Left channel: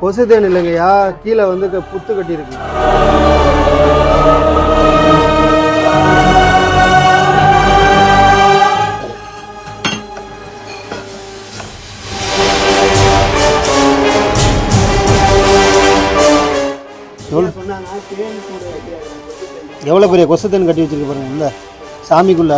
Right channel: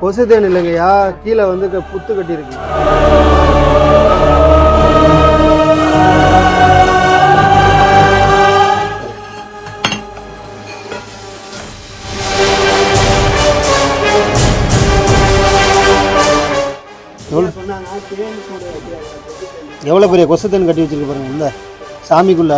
கொசு தேன் இல்லைங்கய்யா, கீழே வந்து புத்து கட்டி இருக்கு. எவ்வளோ பெரிய கொசு தேன் கட்டி வச்சிருக்கு பாருங்க உள்ள சாமிக்குள்ள.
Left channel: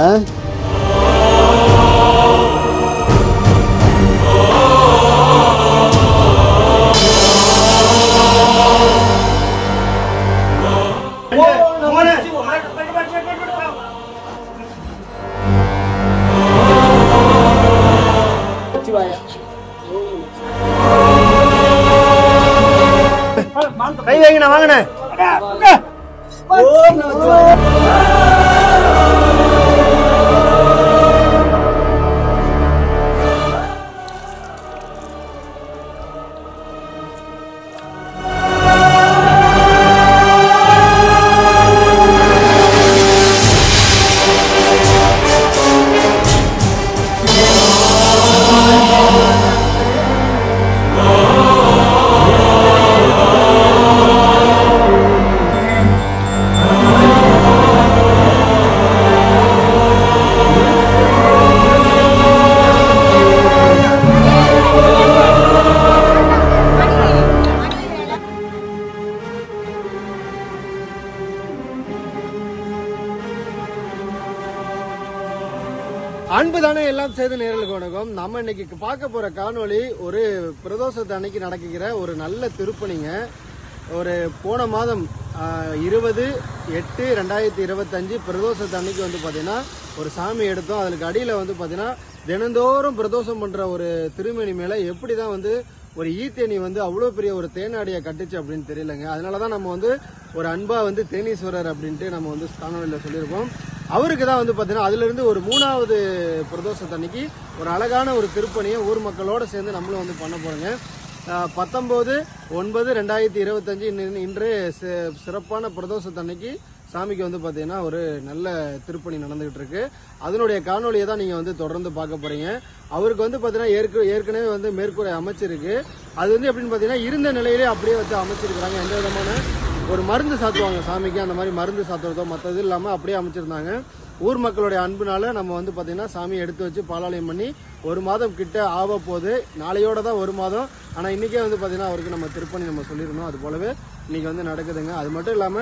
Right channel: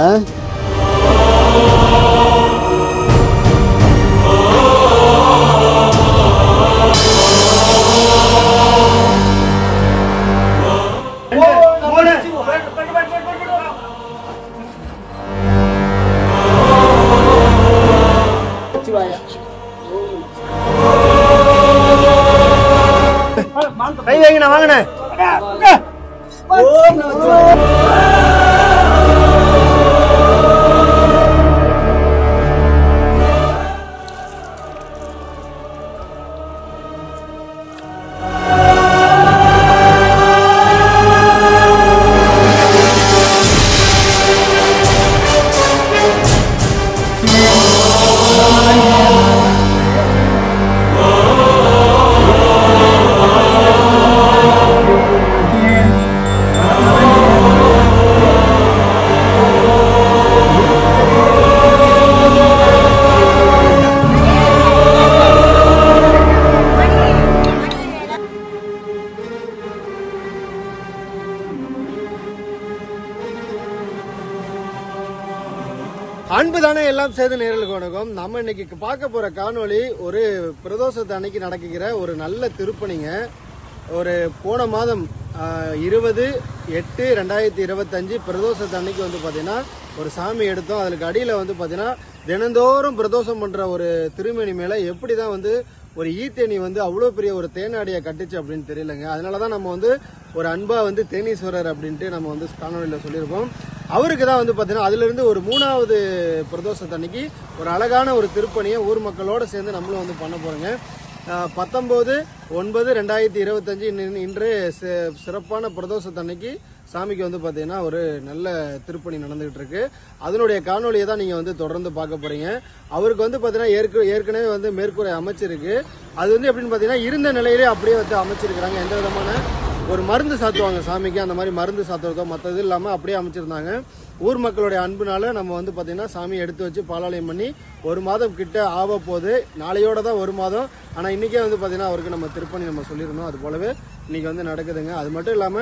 கை வைங்கண்ணா, வாங்கண்ணே. அன்புதானே எல்லாம் செய்த நேரலுக்கு வணக்கம். நம்ம இன்னைக்கு பார்க்க போற காணொளி ஒரு பிரதோஷத்து அன்னைக்கு நடக்கிற ஒரு நல்ல திருப்பணிங்க. ஒரு போன மாதம் 20/8/2025 பிரதோஷத்து அன்னைக்கு வந்து பாத்தீங்கன்னா ஒரு சாமி எடுத்தோம். அதுக்கு அடியில வந்து பாத்தீங்கன்னா தினந்தோறும் பிரதோஷம் பண்ற ஒரு திருமணி மேல எப்படிதான் வந்து ஒரு ஈத்தேனி வந்து அவ்வளவு பெரிய ஒரு தேனாடியை கட்டுச்சு அப்படின்னு தெரியலங்க. அதனாலதான் நம்ம வந்து ஒரு அன்பா வந்து தேனீஸ்வரர் அப்படின்ட்டு நம்ம வந்து காணொலியில சொல்லியிருப்போம். அவருக்கு தான் வந்து பாத்தீங்கன்னா அதுல இருந்து ஒரு 3வது பிரதோஷத்து அன்னைக்கு ஒரு அழகான ஒரு திருப்பணியை ஊர் மக்களோட சேர்ந்து நம்மளும் வந்து பண்ண போறோங்க. 19/9/2025 இன்று சிறப்பான பிரதோஷத்து அன்னைக்கு சாமிக்கு வந்து பாத்தீங்கன்னா ஒரு நல்ல திருப்பணி நடந்துகிட்டு இருக்கு. அதனுடைய காணொலியை தான் நீங்க வந்து தொடர்ந்து பார்க்க போறீங்க. அவருக்கு வந்து பாத்தீங்கன்னா ஏற்கனவே வந்து மேற்கூரை அமைச்சிருக்கு. அது வந்து எப்படின்னு பாத்தீங்கன்னா இருந்த நிலையிலே அப்படியே வந்து அமைச்சிருக்கிறாங்க. எந்த விதமான ஒரு மருந்து சாத்துவாங்க சாமிக்கு, அந்த மாதிரி மருந்து சாத்துறதோ மற்றது இல்லாம அப்படியே அமைச்சிருந்தாங்க. ஊர் மக்களுடைய அன்புனால நம்ம வந்து பாத்தீங்கன்னா சாமி எடுத்து வச்சு பாலாலயம் பண்ணி 1 மாதம் கிட்ட ஆக போகுது. நாளையோட தான் 1 மாதம். ஆனா இன்னைக்கே வந்து பாத்தீங்கன்னா அவருக்கு நம்ம திருப்பணி நம்ம சொல்லியிருந்தோம். அது போலவே இன்னைக்கு வந்து நடக்குதுங்க. அது மட்டும் இல்லாம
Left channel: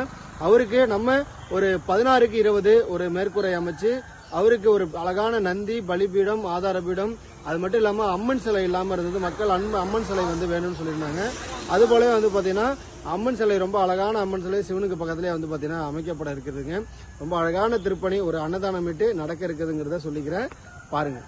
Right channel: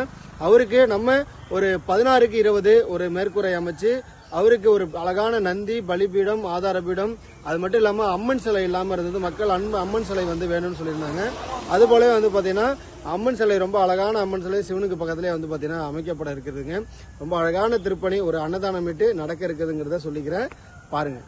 அவருக்கு நம்ம ஒரு 16/20 ஒரு மேற்கூரை அமைச்சு அவருக்கு ஒரு அழகான நந்தி, பலிபீடம், ஆதாரபீடம், அது மட்டும் இல்லாம அம்மன் சிலை இல்லாம இருந்தது. மக்கள் அம்மன் சிலை வந்து வேணும்னு சொல்லியிருந்தாங்க. அது போலவே வந்து பாத்தீங்கன்னா அம்மன் சிலை, ரொம்ப அழகான அம்மன் சிலை சிவனுக்கு பக்கத்திலே வந்து பாத்தீங்கன்னா அமைக்கப்பட இருக்குதுங்க. ரொம்ப அழகான திருப்பணி, ஒரு அன்னதானமிட்டு நடக்க இருக்குதுங்கிறத சொல்லிக்கிறேன், பாருங்க.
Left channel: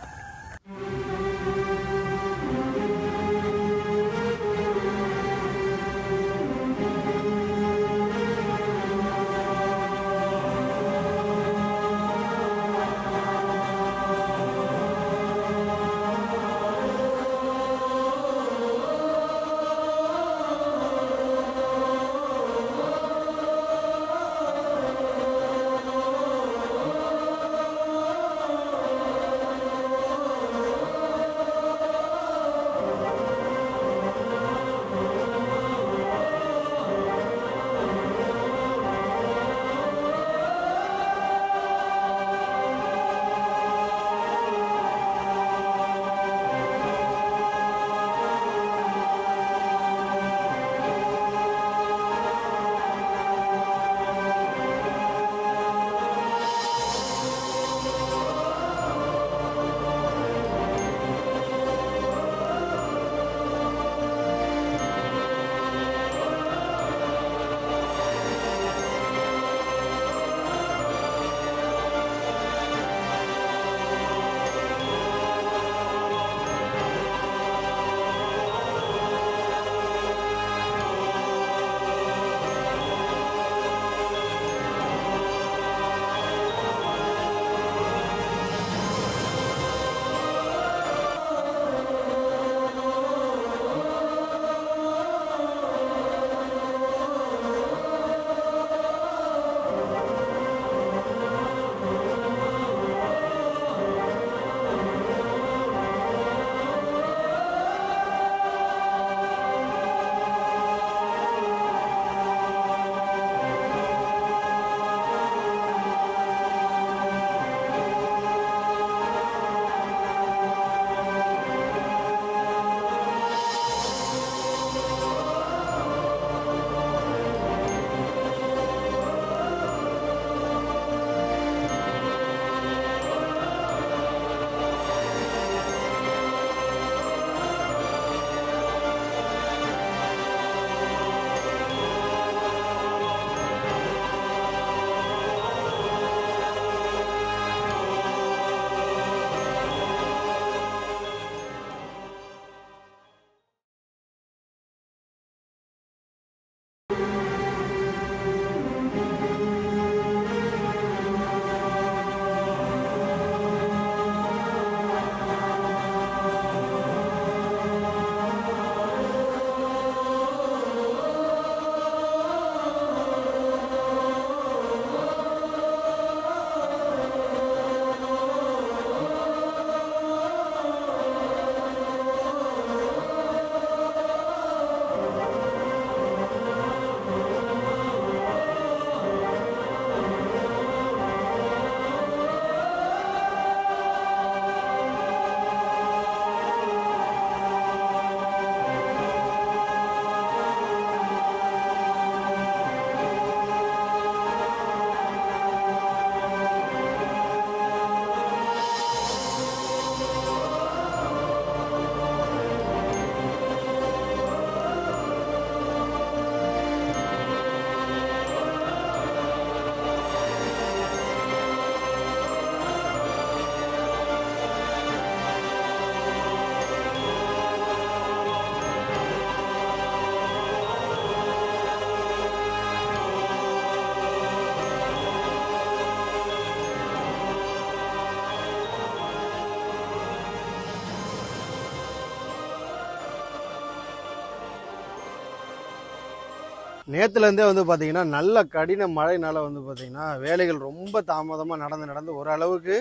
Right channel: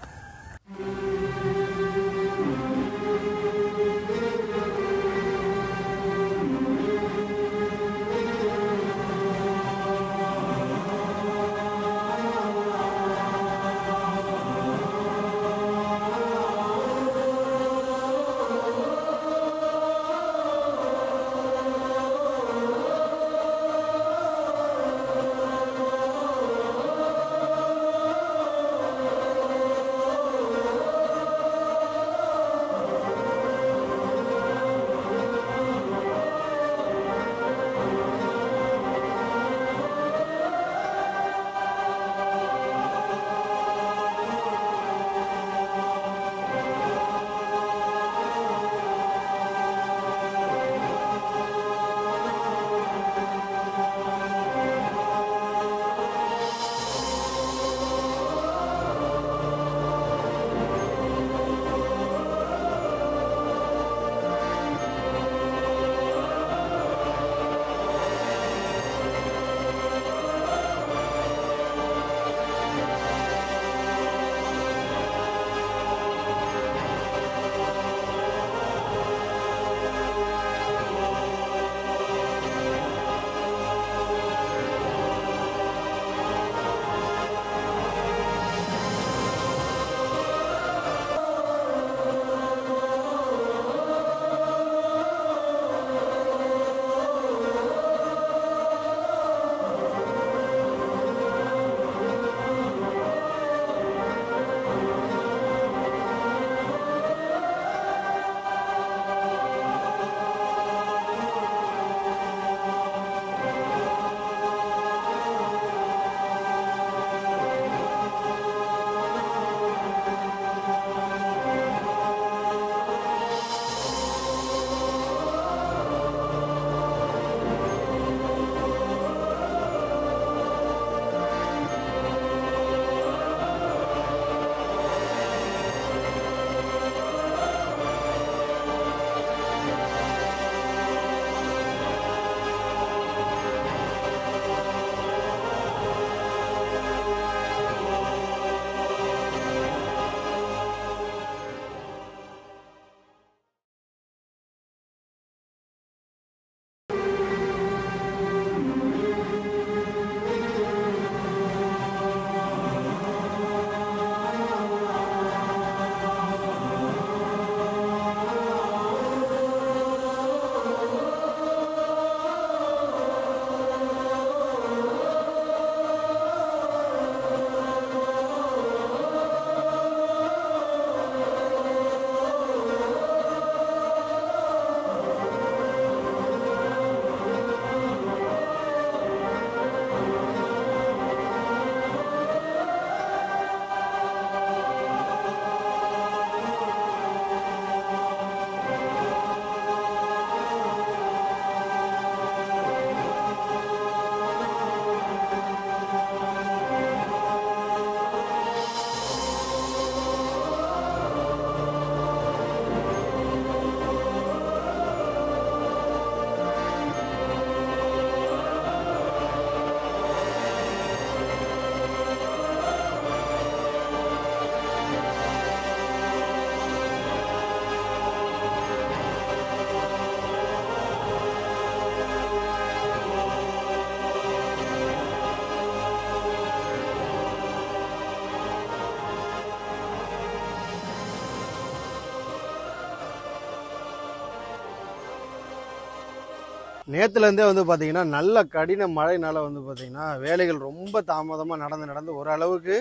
நேத்துல இருந்தே வந்து பாத்தீங்கன்னா நல்ல கடின மழைனால வந்து பாத்தீங்கன்னா வேலைகள் ரொம்ப தாமதமா நடந்து ஓரளவுக்கு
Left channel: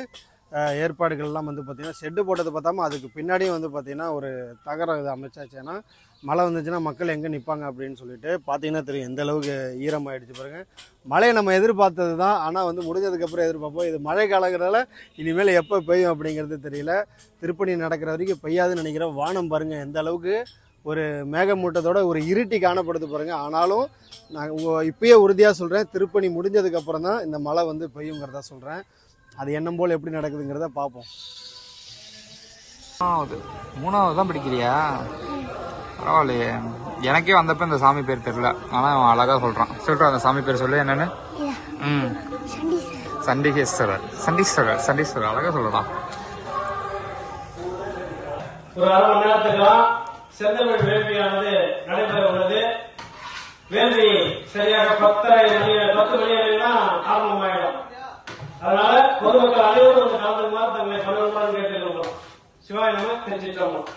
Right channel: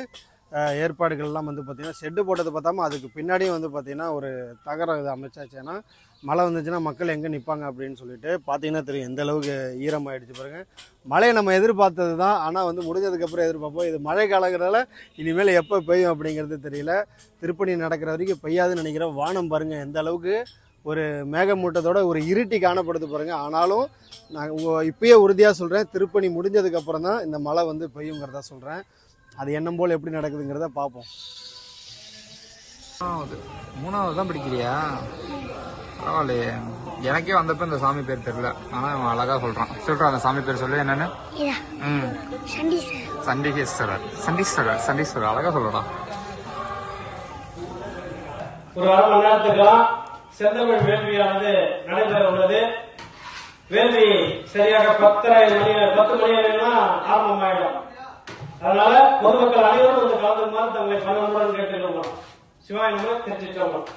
ஏற்பாடுகள்லாம் வந்து பாத்தீங்கன்னா ஷெட்டு போட்டது பார்த்தாம அதுக்கு பின்னாடியும் வந்து பாத்தீங்கன்னா ஒரு தகரம் இது அமைச்சாச்சு. ஏன்னா மழை வந்துச்சுன்னா மக்கள் எங்கே நிற்பாங்க அப்படின்னு சொல்லிட்டு பார்த்தீங்கன்னா தெரியும் எந்த அளவுக்கு ஈரமாயிடுச்சு பாருங்க. மழையை நம்ம எதிர்பார்த்தது தான், ஆனால் வந்து முடிஞ்சதுக்கப்புறம் எதிர்பார்ப்போம். இது மழை காலங்கிறதால இனிமேல் எப்போ பெய்யும் அப்படிங்கிறது தெரியல. திருப்பணி நடக்கிற வரைக்கும் பெய்யாதுன்னு நினைக்கிறேன். வானம் பாருங்கள் எந்த அளவுக்கு ஒரு மேகமூட்டத்தோட ஒரு இருட்டி காணப்படுது பாருங்க. ஆனாலும் நான் இப்பயே உறுதியாக சொல்கிறேன், திருப்பணி முடிஞ்சதுக்கப்புறம் தான் இந்த மழை வந்து பெய்யுங்கிறதா சொல்கிறேன். அது எண்ணம் போல் எப்படி நடக்குதுங்கிறத பார்ப்போம். மூணாவது தான் படிக்கிறியா? பரவாயில்லையே. எனக்கே வந்தப்ப இந்த சாமி பேர் தெரியல, ஆனா அவன் அழகா சொல்றான். சொல்றான் அந்த சாமி பேர் சொல்லு. என்னன்னு? சண்டீஸ்வரர். சண்டீஸ்வரர் சண்டீஸ்வரர் அழகா சொல்லலாம். ஒரு அரை மணி நேரத்துக்கெல்லாம் செந்தமிழ் வேள்வியானது நடைபெற உள்ளது. வேள்வி சரியாக 10 மணி ஆரம்பமாயிடும். அதனால பொதுமக்கள் அனைவரும் இந்த கலந்துமாறு தங்களை பணமுடன் கேட்டுக்கொள்ளும். சிவாய நம. திருச்சிற்றம்பலம்.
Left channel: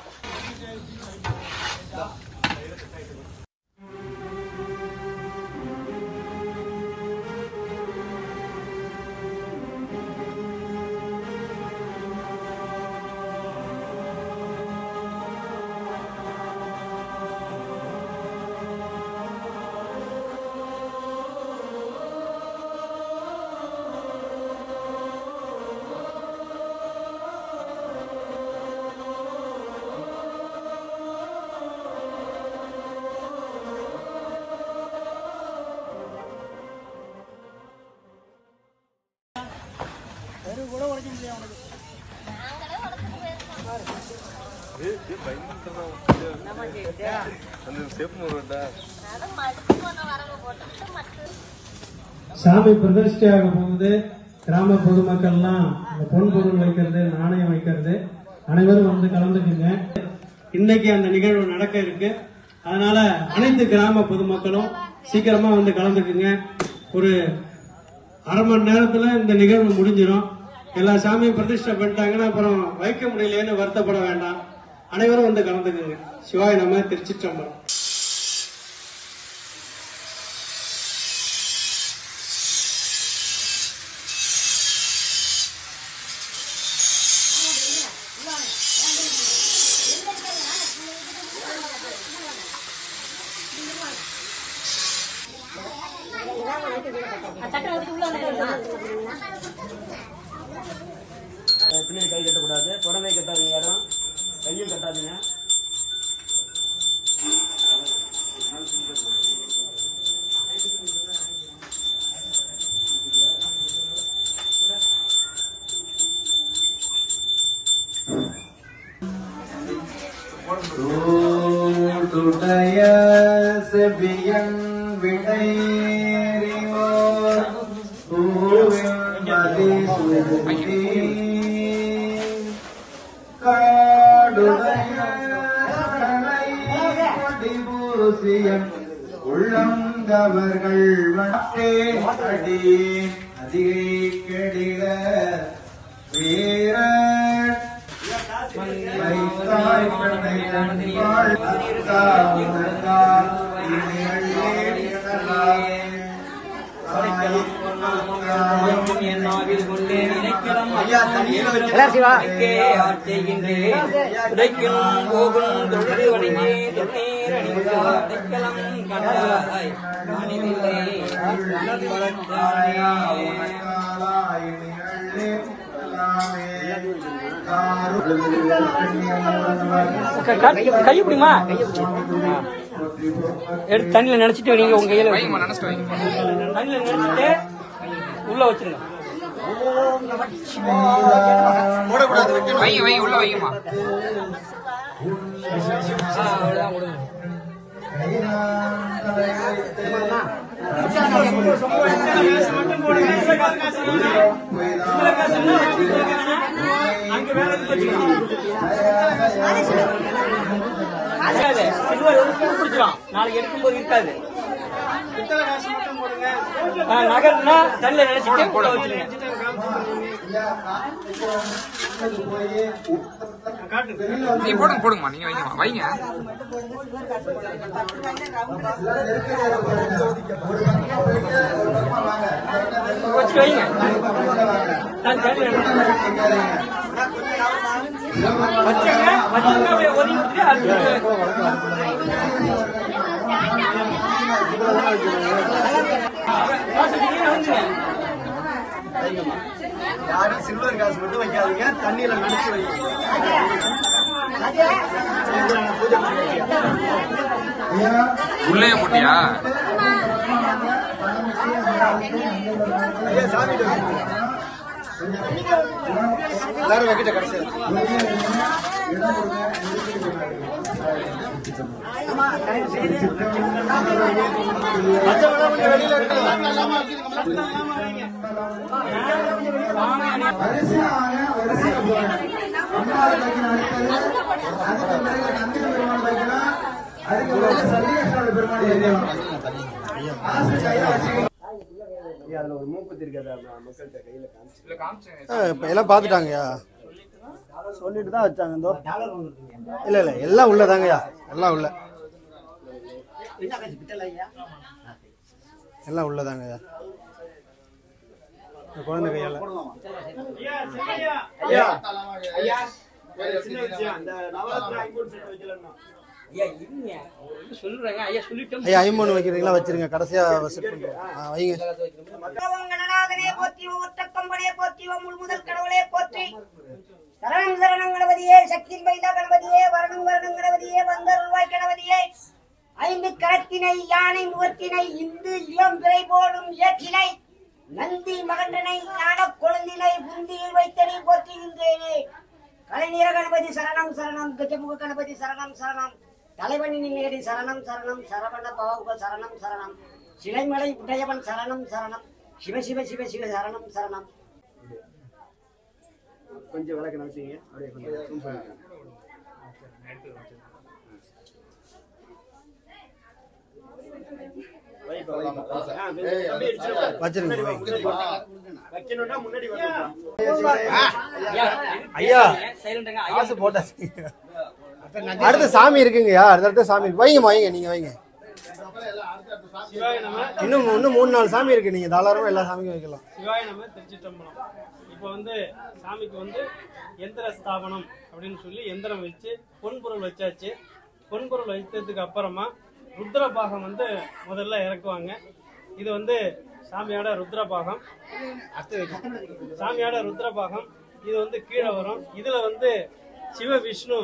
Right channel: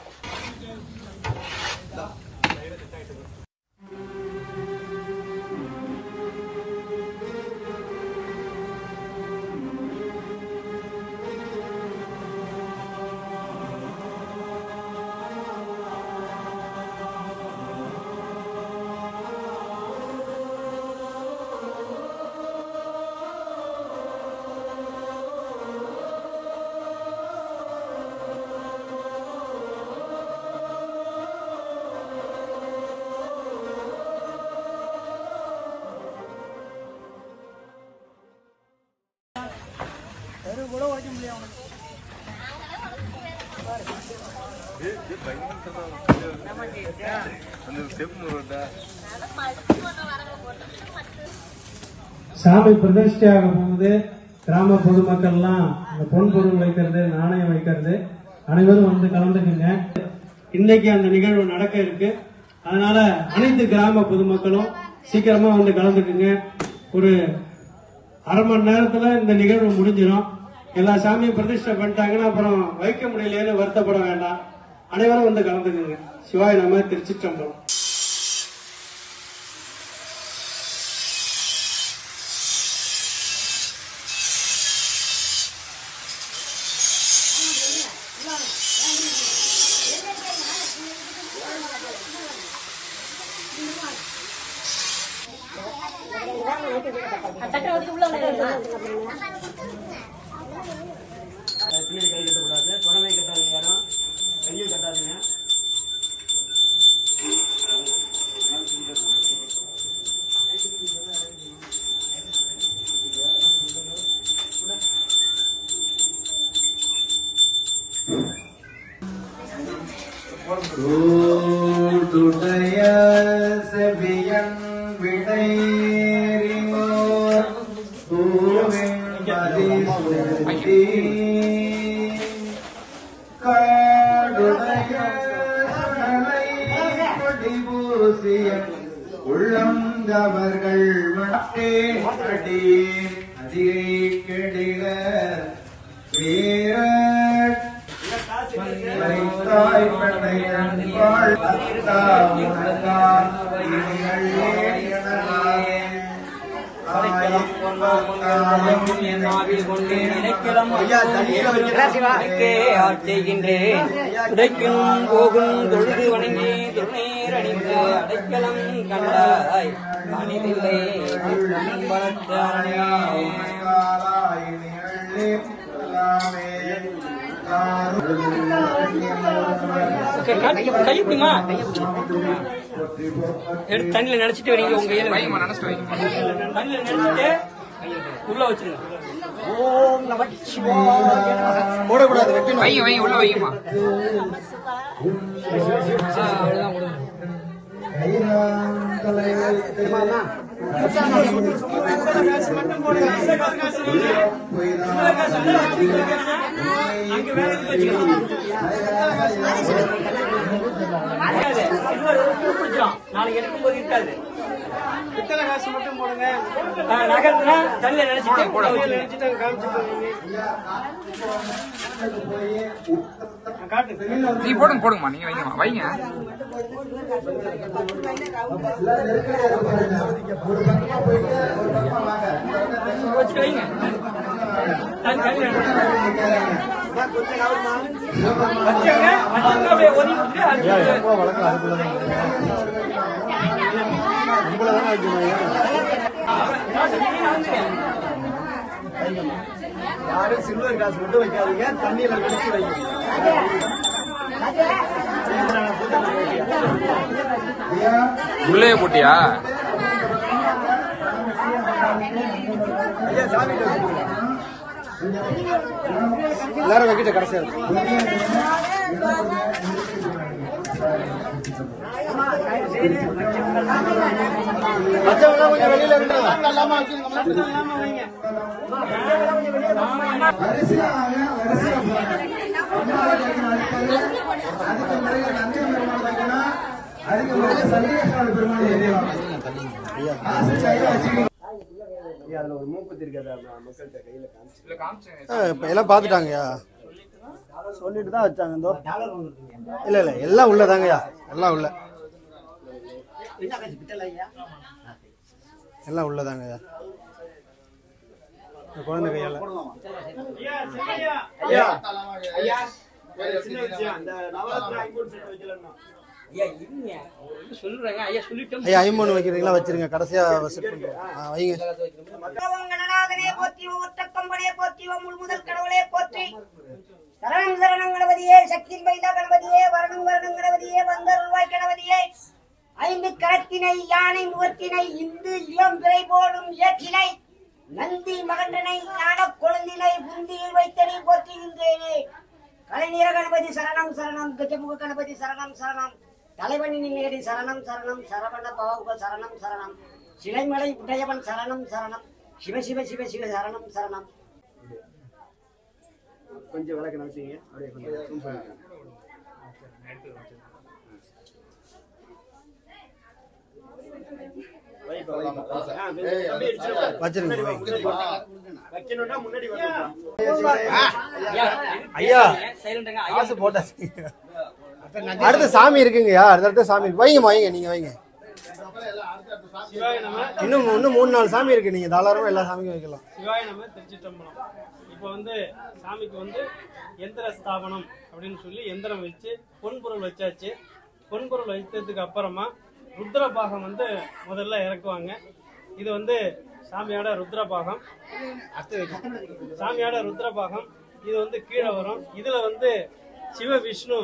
சாமி பிரதிஷ்டையாக போகுது. கிராம பொதுமக்கள்லாம் பொன் பொருள் வைக்கிறது, நாணயம் வைக்கிறது, அனைவரும் வந்து கலந்துக்குங்க. இன்னைக்கு அந்த நிகழ்வு நடக்க இருக்கு. அதனால அனைத்து கிராம பொதுமக்களும் சீக்கிரமா வந்து கலந்துக்குங்க. ஒரு அரை மணி நேரத்துல இந்த நிகழ்வு முடிஞ்சிடும். எல்லா சாமியும் பிரதிஷ்டை பண்ணிட்டாங்கன்னா அப்புறம் வைக்க முடியலையேன்னு வருத்தப்பட வேண்டாம். அனைவரும் வந்து கலந்துக்குங்க. சிவாய நம. திருச்சிற்றம்பலம். பின்னாடி கை கட்டக்கூடாது, தொடர்ந்து கட்டாதீங்க, யாரும் கையில் கட்டாதீங்க. செவியன் விடைறினோர் உள்ளங்கவர்கள் வட்டே அடி அதிகை கெடில வீர உடைக்கும் போகும் தொழுது வணங்கி தொண்ணீர் அணிந்தாம் கண்டாய் மனிதில்லை கையப்பிடிமா தண்ணியில நினைச்சிட்டு வரீங்க. உங்க கையில தண்ணியில நினைச்சிட்டு உள்ள வச்சிருங்க. ஓம் நம சிவாய. வைங்க உள்ள வைங்கம்மா. நாளைக்கு இருக்கும் போது இருக்காது. நகர்னா நல்ல நினைச்சிட்டு நீ போடுங்கம்மா, நீங்க வைங்க. சில்வர் காசு மட்டும் வைக்காதீங்க, தண்ணியில முடிச்சு வைங்க. உள்ளே போட்டியா? எல்லாரும் வைக்கிட்ட கடைசியா அதுல ஒரு மூக்குத்தி இருக்காது, மக்கள்கிட்ட கையில காமிச்சு எல்லாம் பாத்துட்டாங்கய்யா, சொல்லிட்டு தான் வச்சாங்க. இந்தோ இல்ல இல்ல எல்லாம் உள்ளதாங்கய்யா, எல்லாம் உள்ள எல்லாம் உள்ளதாங்கய்யா. குழந்தை கையால ஐயா ஐம்பொண்ணு வைக்கிறீங்களா? வச்சிருங்க, கடைசியா செட் பண்ணுறோம். வைங்க. சரணம் சரணம் கணபதியே, சக்தி வைதா கணபதியே, வரணம் வரணம் கணபதியே, வந்தருள்வாய் கணபதியே, ஐந்து கரத்தினை யானை முகத்தினை இந்து இளம் விரை போலும் ஏற்றினை நந்தி மகண்டனை ஞான குழந்தினை புந்தியில் வைத்தனை போற்றுகின்றேனே. கலைநீர கணபதி சரணம் சரணம், கஜமுக கணபதி சரணம் சரணம், தலைவனின் நேடி சரணம் சரணம், சரவண பவ சரணம் சரணம், சிலைமலை உடையவன் சரணம் சரணம், சிவ சிவ சிவ சிவ சரணம் சரணம். கொஞ்சம் விளக்க நினைச்சீங்க அப்படியே கொஞ்சம் ஐயா காசு போட்டாச்சு. அடுத்த சாமி இருக்குங்கய்யா, அடுத்த சாமி வைங்கம்மா, வைங்க, நீங்க வைங்க. இன்னும் 3-4 சாமி இருக்கு, நீங்க தாராளமா எல்லா சாமிக்கும் வைக்கலாம். சிவாய நம திருச்சிற்றம்பலம். இப்போ சாமிக்கு எந்திர ஸ்தாபனம் அப்படின்னு சொல்லி எந்திரம் வச்சு பொன்பொருள் வச்சாச்சு. பொன்பொருள் வைத்ததுக்கு அப்புறமா ருத்ரபாகம் முதல்ல இறக்குவாங்க. இது சாமியோட ருத்ரபாகம். சாமியோட ருத்ரபாகம் இது கீழே வரும். இதுல சிவ விஷ்ணு,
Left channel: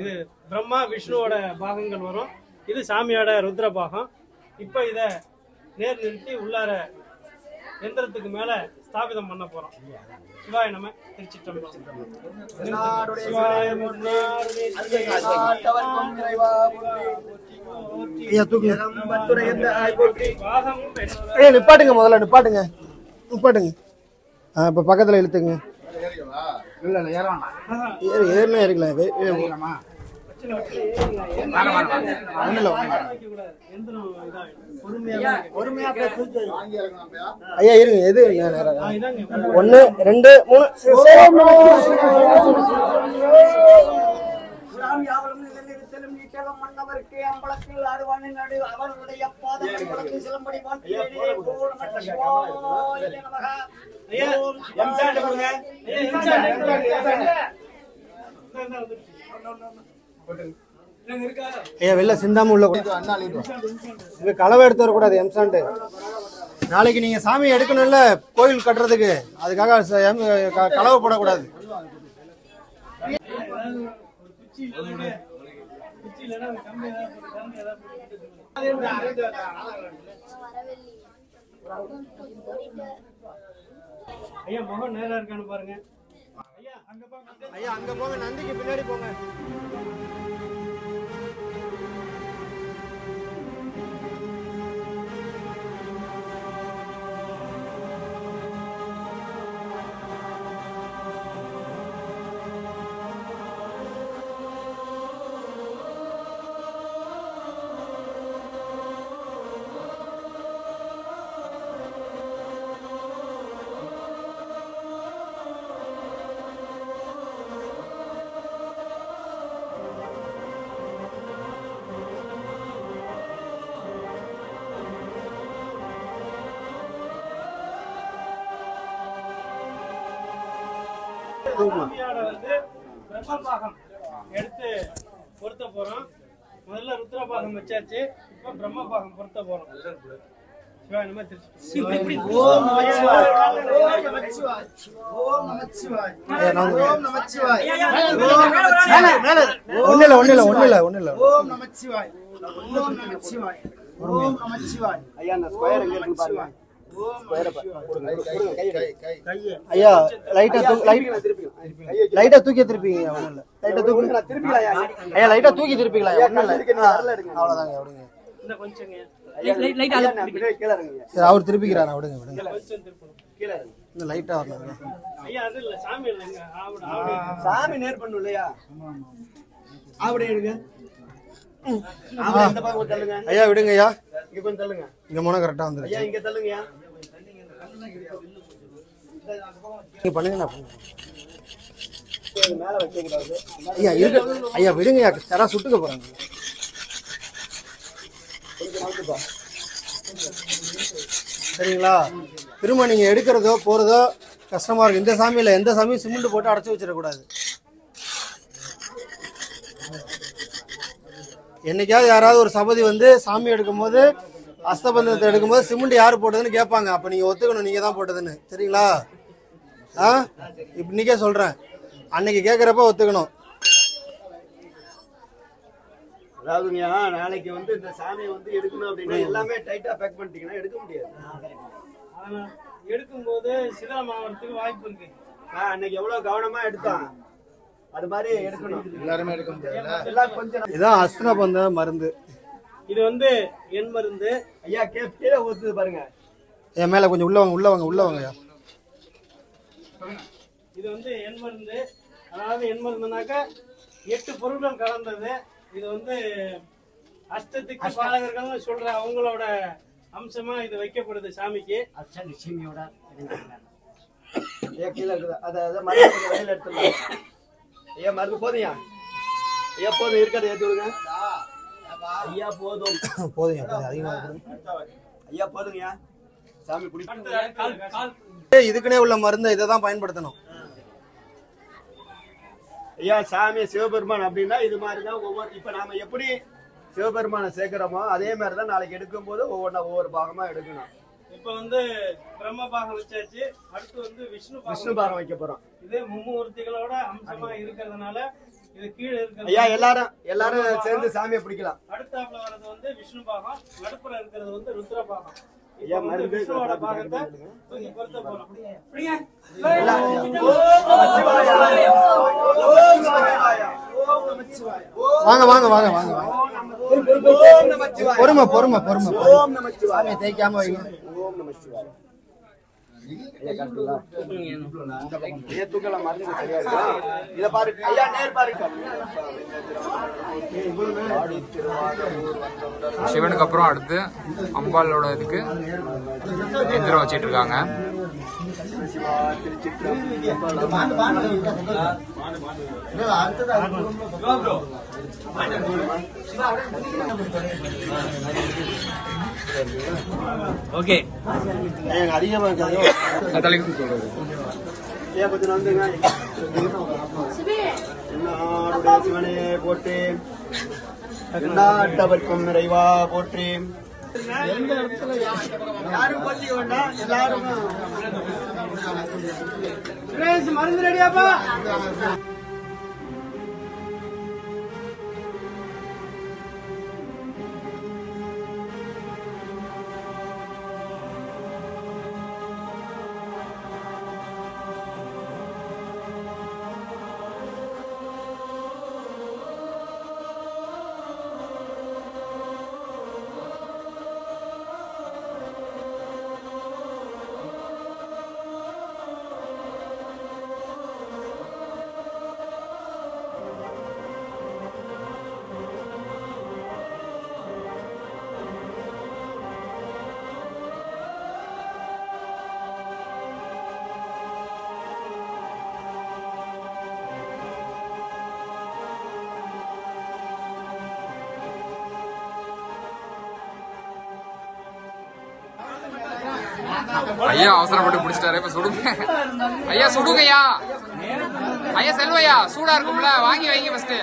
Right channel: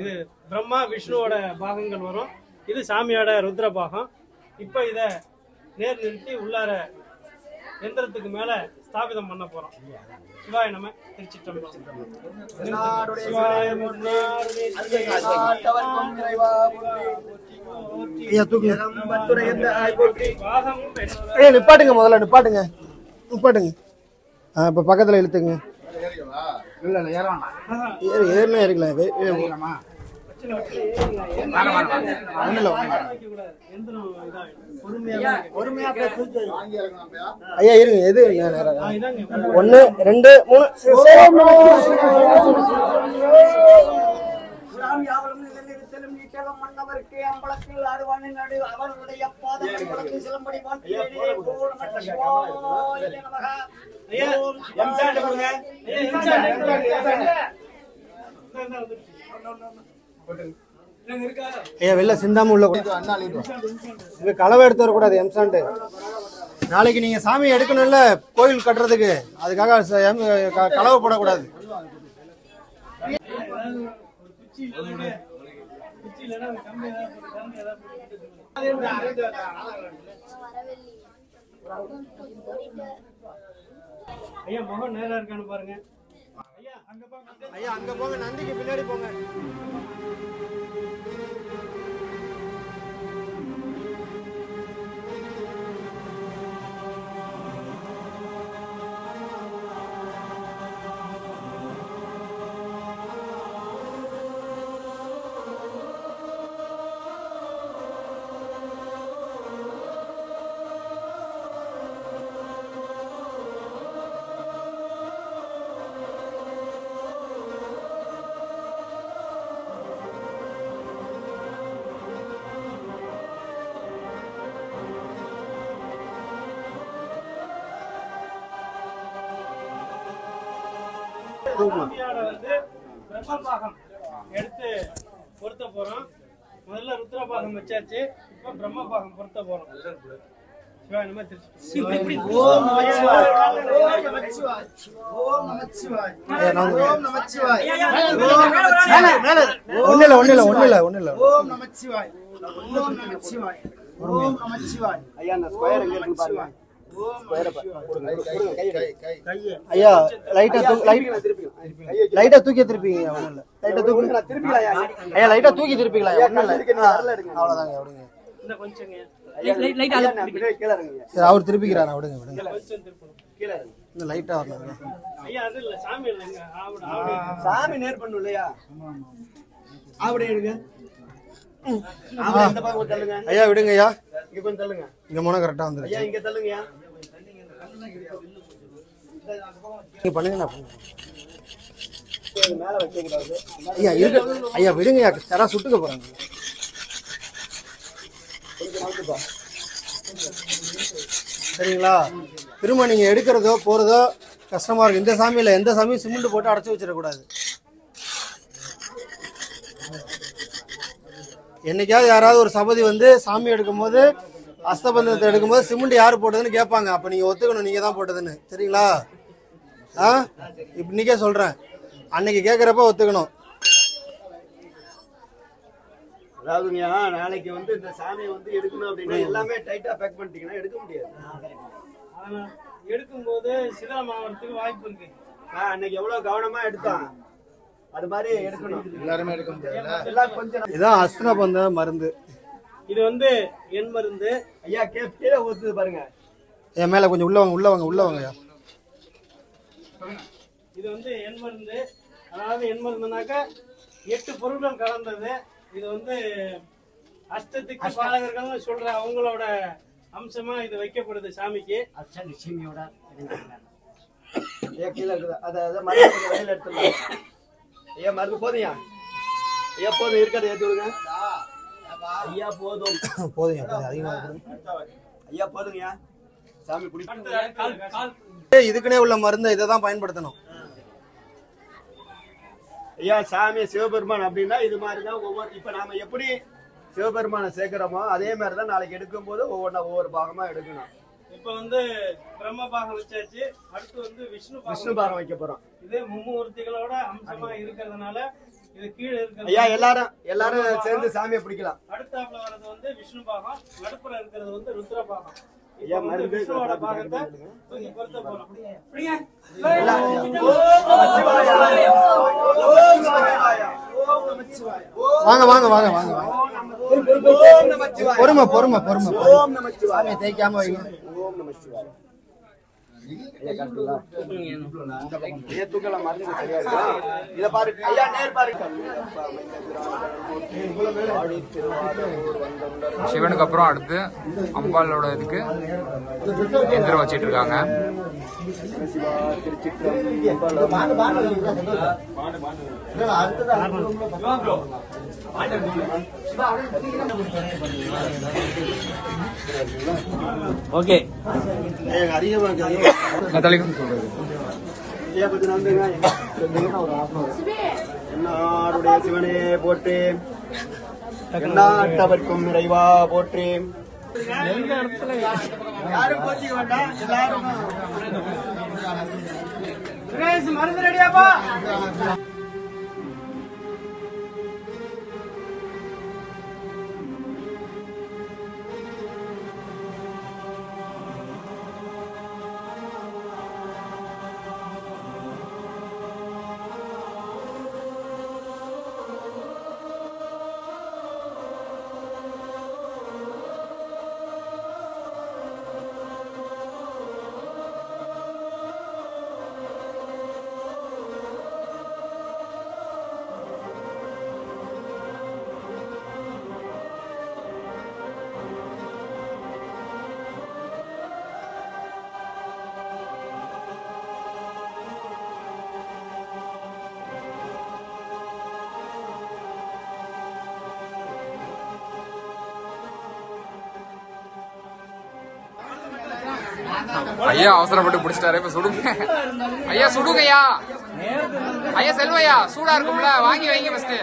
இது பிரம்மா விஷ்ணுவோட பாகங்கள் வரும். இது சாமியோட ருத்ரபாகம். இப்போ இத நேர் நிறுத்தி உள்ளார எந்திரத்துக்கு மேல ஸ்தாபிதம் பண்ண போறோம். சிவாய நம திருச்சிற்றம்பலம். நிப்பாட்டுங்க, முதல்ல நிப்பாட்டுங்க, நிப்பாட்டுங்க. இப்ப பக்கத்துல இழுத்துங்க. ஏறினா ஏறிக்கலாம். ஐயா இருங்க, எது 1 2 ஐயா வெளில சிந்தாம உள்ள களவை எடுத்து வரக்கூடாது. எம்சாண்டு நாளைக்கு நீங்க சாமி எடுக்கணும்ல கோயில் கட்டுறதுக்கு, அதுக்காக களவை போடக்கூடாது. ஐயா முகம் நேரா இருக்கான்னு பாருங்க. ஐயா அங்க போங்க, நந்திக்கு பின்னாடி போங்க. சாமியோட வந்து பிரம்மபாகம் எடுத்து பொருத்த போறோம். முதல்ல ருத்ரபாகம் வச்சாச்சு, இப்ப பிரம்மபாகம் பொருத்த போறோம். ஐயா லைட்டா தூக்கி திருப்பீங்க. ஐயா லைட்டா தூக்கி திருப்பீங்களா? அவ்வளவுதாங்க. சரி, அவர் திருப்பிக்கிறாரா? விடுங்க. லைட்டா வரணும். சாமி நேர் பண்ணும் இல்லையா? அப்படியே எடுங்க. ஐயா விடுங்க. ஐயா இங்க கொஞ்சம் தள்ளுங்க. இங்க போனா கரெக்டா வந்துருச்சு. ஐயா இங்க தள்ளுங்கய்யா. நீங்க பண்ணுங்க. மேல வைக்க கூடாது. ஐயா இருக்கு. ஐயா விடுங்க. ஐயா தரா சுட்டுக்க போறாங்க. சரிங்களா? திரும்ப நீங்க எடுக்கிறதோ போறதோ கஷ்டமா இருக்கு. இந்த சாமியில எந்த சாமியும் சிமெண்ட் போட்டு அடைச்சு வச்சிடக்கூடாது. என்னைக்காவது யாராவது ஒரு சபதி வந்து சாமி எடுக்கும் போது அஸ்தபந்தத்தை எடுக்கும்போது சிமெண்ட் யாரு போட்டதுன்னு கேட்பாங்க. அப்ப நீங்க ஒத்துக்கணும் நீங்க தான் போட்டதுன்னு. சரிங்களா? இன்னைக்கே சொல்றேன், அன்னைக்கு கேட்கறப்ப ஒத்துக்கணும். அதாவதுங்கய்யா, நாளைக்கு வந்து இந்த சாமியை வந்து எடுக்கணும் அப்படின்னா எல்லாமே டைட்டா பேக் பண்ணிட்டீங்கன்னா எடுக்க முடியாது. எடுக்கும்போது சிரமத்துக்கு வாய்ப்பு இருக்கு. அன்னைக்கு எவ்வளவு கவனமா எடுத்தோம், அது மாதிரி எடுக்கணும். எல்லாருமே எடுக்க முடியாது. எல்லாம் கொஞ்சம் இதான் அஸ்தபந்த மருந்து. இது வந்து என் மருந்து. ஐயா கீழே ஊத்துது பாருங்க. என் மேல கொஞ்சம் உள்ள வாங்க. இது வந்து என் மருந்து. அதாவது என் மருந்துனாக்கா 8 பொருட்கள் கலந்தது. இது வந்து அஷ்டத்துக்கு பாலகர்கள் சொல்ற அவங்களோட அம்சமா இது வைக்கப்படுது சாமிக்கு. அஷ்டலட்சுமியோட ஐயா கீழே இருக்குது. அதை மருந்து வெளியில எடுத்துடலாம். ஐயா மருந்து போதுங்க. ஐயா போதும், இருக்கிறத ஏற்றி விடுங்க. ஐயா போதும். அதிகமா ஐயா போதுங்கய்யா. சாமி பிடிக்கும். இதுக்குன்னே உள்ள மருந்து இதை தான் பயன்படுத்தணும். ஐயா சாமி சிவபெருமான் அப்படின்னா இது மாதிரிதான் ஒவ்வொரு, இப்ப நாம எப்படி சிவபெருமானை சேர்க்கிறோமோ அதே மாதிரிதான் நாளைக்கு எடுக்கும் போது ஒவ்வொரு பாகமா எடுக்கணும். இப்ப வந்து பிரம்ம பாகம் வச்சாச்சு, அடுத்து வந்து விஷ்ணு பாகம் வைக்க போறோம். இது மும்மூர்த்திகளோட அம்சமா இருக்கிறதுனால இது கீழே இருக்கிறது. ஐயா எல்லாரும் சேர்ந்து சாமியை பிடிக்கலாம். அடுத்தாப்புல வர்றது வந்து விஷ்ணு பாகம், நடுப்புற இருக்கிறது வந்து ருத்ர பாகம். ஐயா மருந்து விஷ்ணுவோட பாகத்தை தூக்கி பொருத்த போறோம். வாங்க. பொறுமை. சாமியை தேய்க்காம வைங்க. ஓம் நம சிவாய. தூக்கலாம் மருந்து சரியா இருக்கா? இத பாருங்க ஐயா, நேர் பாருங்க. சிவனுக்கு அப்புறம் அடுத்து அம்பாளோட இதுக்கு எந்திரம் வச்சிட்டு இருக்காங்க. ஓகே சிவனே போட்டு எண்ணாட்டவர்க்கும் நிறைவா போற்றி. யாரும் போட்டி வேண்டாம், எல்லாரும் மருந்து ரெடியாப்பா. ஐயா அவசரப்பட்டு பிடிச்சிட்டாரு. இப்ப சுடுங்க ஐயா, சுடுங்கய்யா. ஐயா செல்வையா, சூடா இருக்கும்ல, வாங்கி வைங்க ஃபர்ஸ்ட்.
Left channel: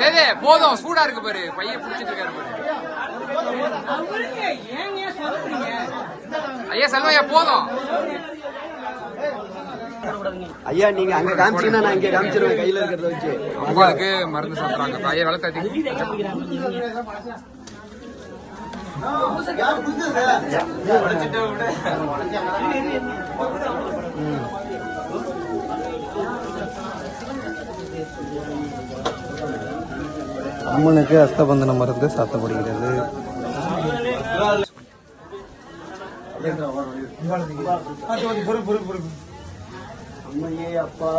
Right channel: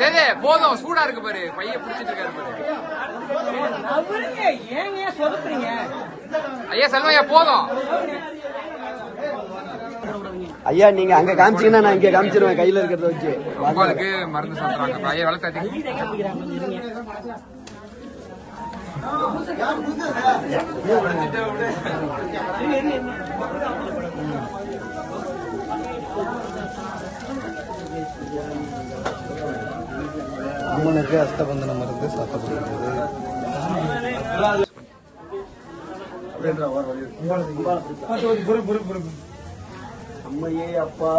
சரி போதும், சூடா இருக்கு பாரு, பையன் பிடிச்சிட்டு இருக்காரு பாரு. ஐயா செல்வையா போதும். ஐயா நீங்க அங்க காமிச்சீங்கன்னா நான் இங்க காமிச்சிருவேன் கையில இருக்கிறத வச்சு. அம்மாவுக்கு மருந்து சாப்பிட்றாங்க. ஐயா விளக்காத்தி. அம்மனுக்கு அஸ்தபந்தன மருந்து சாத்தப்படுகிறது. அம்மையே அப்பா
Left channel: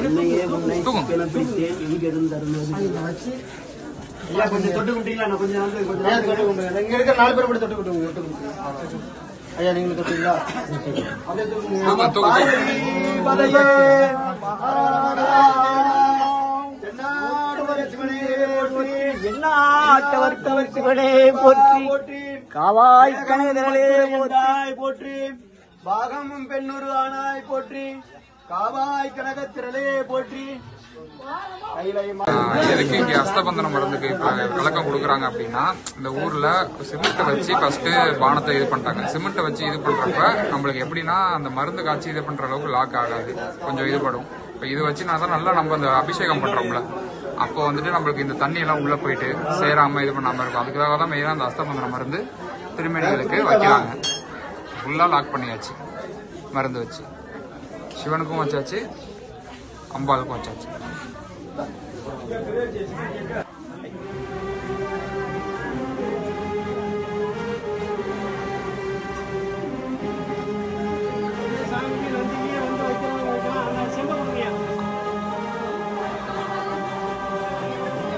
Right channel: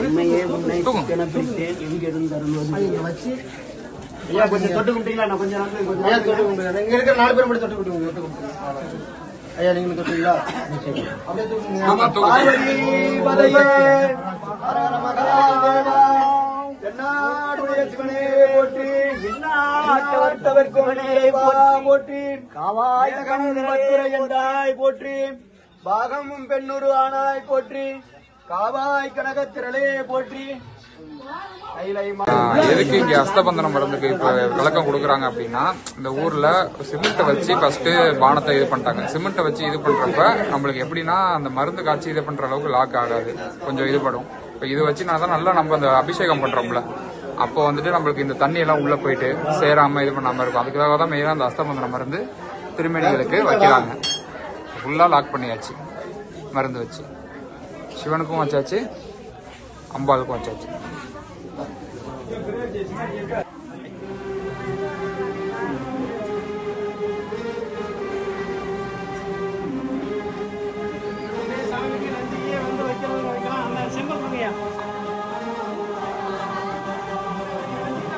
உன்னையே உன்னை பிடித்தேன் எங்கிருந்தருவது. கொஞ்சம் தொட்டு கும்பிட்டீங்களா? நான் கொஞ்சம் தொட்டு கும்பிடுங்க. இங்க இருக்க 4 பேர் மட்டும் தொட்டு கும்பிடுங்க. ஐயா நீங்க தொட்டீங்களா? போற்றி பாகமும் பெண்ணுரு ஆனாய் போற்றி காவாய் கனகத்திரளே போற்றி. எதுக்கு இங்க அஸ்தபந்தன மருந்துக்கு இப்ப விளக்கம் கொடுக்குறாங்க அப்படின்னா, இந்த ஊர்ல சிமெண்ட்டை வச்சு ஃபர்ஸ்ட் பானத்தை இது பண்ணிட்டாங்க. சிமெண்ட்டை வச்சு இது பண்றப்ப நம்மளுக்கு எப்படின்னா அந்த மருந்து காய்ச்சி இது பண்ற அளவுக்கு லாக் ஆகாது, கொஞ்சம் இதுபடும். இப்ப இது வச்சு நான் தான் நல்லா நம்ம அந்த அபிஷேகம் பண்றோம்ல, அப்போ வந்துட்டு நம்மளுக்கு இந்த தண்ணி எல்லாம் உள்ள போயிட்டு சேராம இது பண்ணாம இருக்கும். அதுக்காக தான் மெயினா அந்த அஸ்தபந்தன மருந்து திருமேனிகளுக்கு வைக்கிறாங்க. ஃபுல்லா லாக் பண்ணியாச்சு மருந்து வச்சு. சிவனுக்கும் வச்சாச்சு, அம்பாளுக்கும் வச்சாச்சு.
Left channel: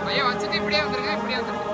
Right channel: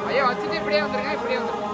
ஐயா வச்சுட்டு இப்படியே வந்துருங்க, இப்படியே வந்துருங்க.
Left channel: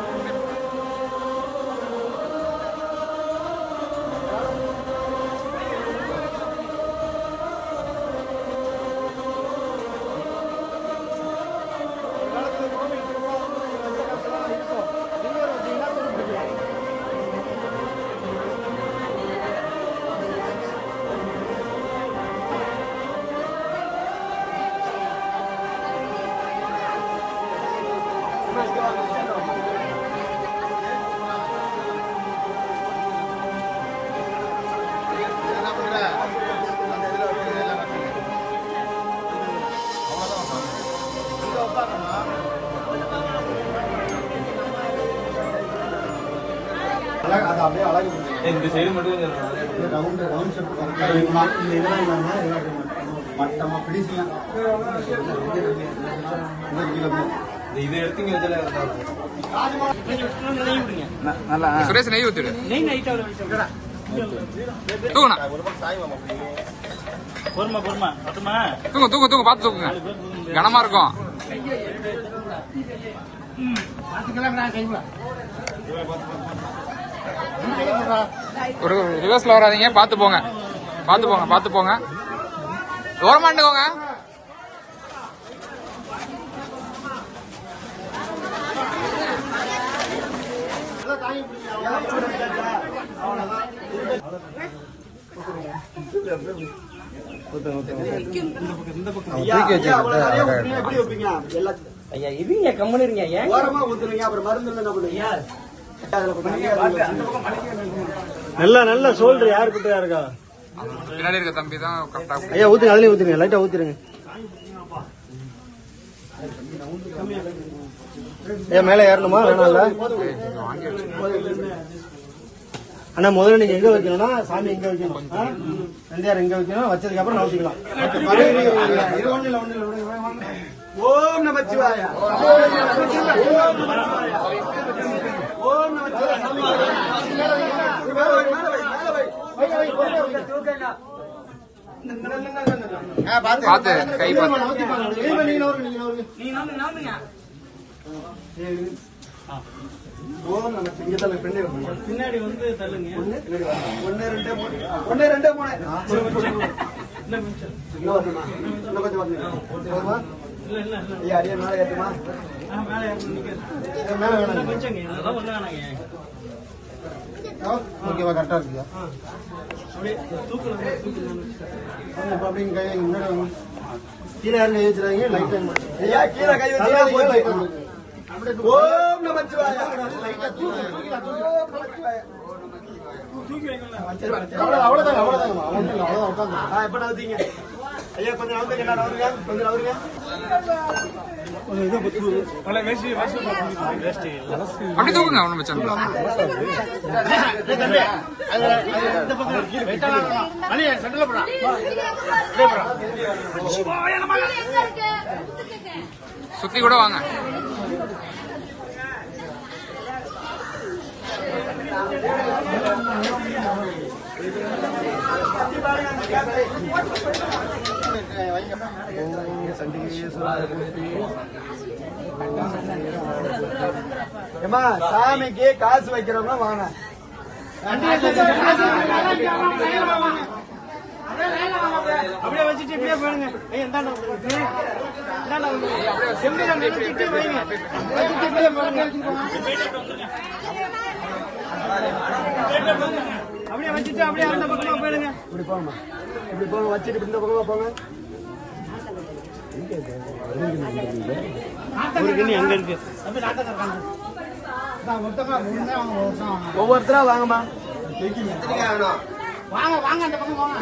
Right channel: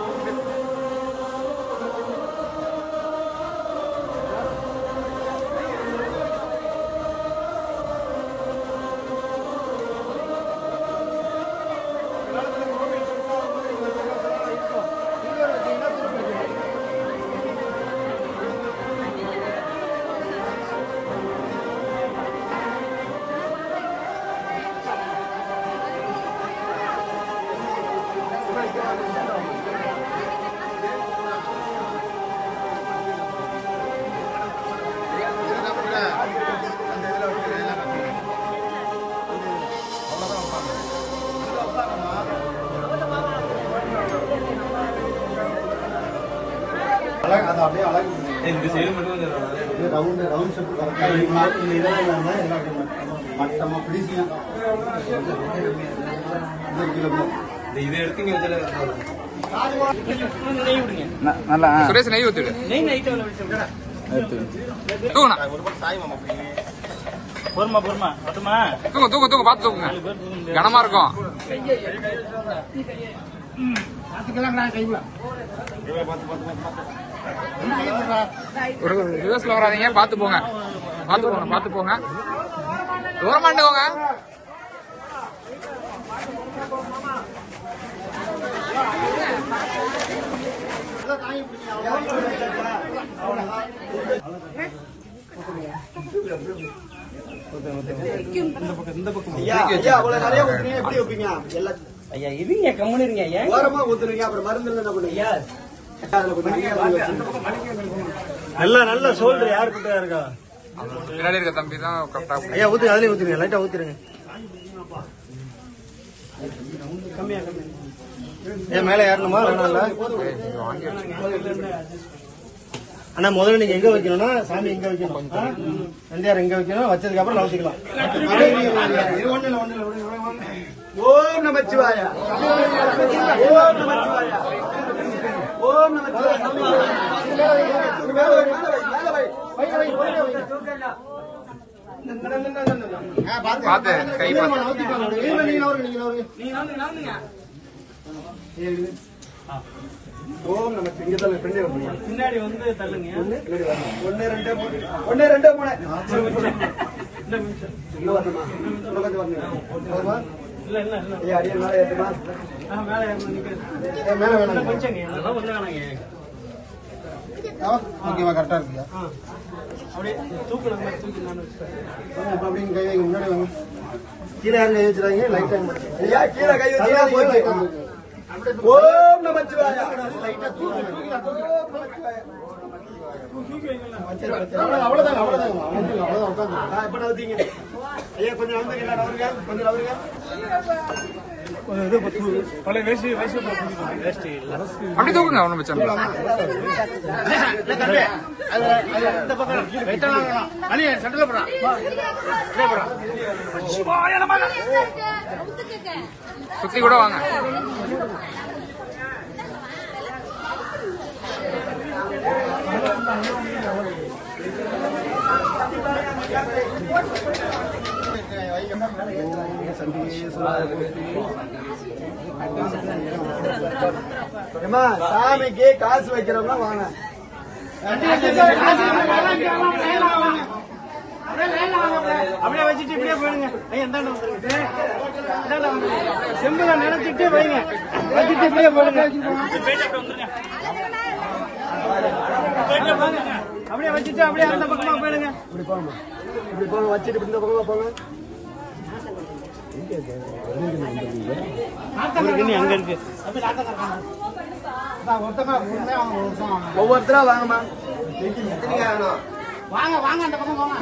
இந்த சைடு மட்டும் இதை எடுத்துங்க. சுரேஷ் நெய் ஊத்துடு. தூங்க தூங்க தூங்க பார்த்து தூக்குங்க, கனமா இருக்கும். ஒரு ரிவர்ஸ்ல வராதீங்க, பார்த்து போங்க, பார்த்து போங்க, பார்த்து போங்க, தூரமாண்டுக்கோங்க. ஐயா இருங்க, கம்முன்னு இருங்க. ஓரமா ஊத்துறீங்க, அப்புறம் மருந்து என்ன பண்ணுவீங்க? நல்ல சோல்டர் யாரு கிட்ட இருக்கா? பின்னாடி இருக்க தம்பி தான் கரெக்டா. ஐயா ஊத்துங்க, அதுலயும் ஊத்துங்க, லைட்டா ஊத்துருங்க. ஏன் மேல ஏறணுமா? வாங்கி வச்சு ஆனா முதல்ல நீங்க எங்க வைக்கணும்னா சாமி எங்க வைக்கணும், நந்தியார் எங்க வைக்கணும், வச்சதுக்கு அப்புறம் நவுத்திக்கலாம். ஓம் நமச்சிவாய, ஓம் நமச்சிவாய, ஓம் நமச்சிவாய. பார்த்து கை பார்த்து. ஓம் நம சிங்கத்தலை பெண்ணு பின்னாடி வந்து தள்ளுங்க. 1 2 3 ஐயா அடியே மேல ஏற்றுமா? மேல ஏறணும் நிக்காது. மேல வேணாம். கொஞ்சம் அதெல்லாம் ஒண்ணு வேணாங்க. ஓகேவா, கரெக்டா இருக்குல்ல? அப்படியே தூக்கணும். இப்ப அப்படின்னு கை வைக்க முன்னாடி வாங்க. கீழே யாரும் கை வச்சிடாதீங்க, லைட்டா ஐயா கீழே கை வச்சு ஓம் நமச்சிவாய. லைட்டா அவ்வளவுதான் அவ்வளவுதான் உட்காந்து. எப்ப நவுத்தீங்க ஐயா? கொஞ்சம் நவுத்துங்க, நவருங்க, கொஞ்சம் நவருங்க. அப்படி தூக்குங்க, ஒன்றும் பிரச்சனை இல்லை. சுத்தி கூட வாங்க. அம்மா சாமிக்கு காசு வைக்கிறவங்க வாங்க. அப்படியே வச்சுட்டு இப்படியே போயிடுங்க. ஐயா இந்தாண்ட வந்துருங்க. இந்தாண்ட வந்துருங்க. செம்பில நினைச்சிட்டு வைங்க. வச்சுட்டு இப்படியே போயிடுங்க. அப்படியே வச்சுட்டு அப்படியே அந்த பக்கமா போயிடுங்க. இப்படி போங்கம்மா, இப்படி போங்க, வச்சுட்டு இப்படி இந்த பக்கமா போங்க. ஒரு கிண்ணி அங்க இருக்கு. ஒவ்வொருத்தரா வாங்கம்மா. வாங்க வாங்க அந்த பக்கம் போங்க.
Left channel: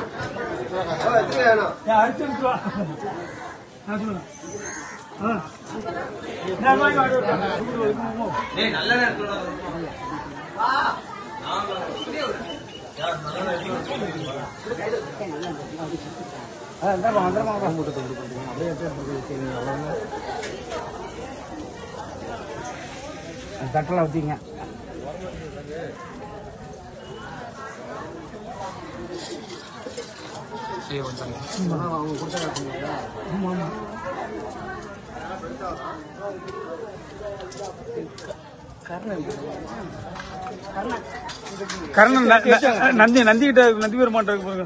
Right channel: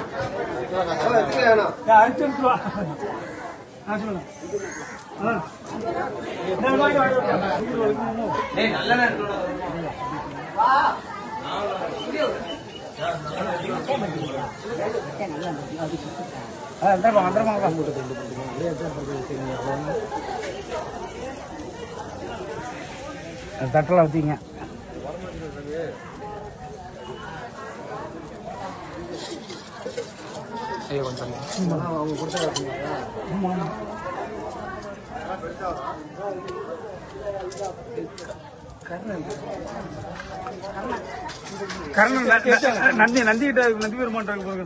தட்டலாம் வச்சுங்க. ஐயோ கொஞ்சம் அவங்க கொடுத்த கர்ணன் நந்தி கிட்ட நந்தி பெருமான் போங்க.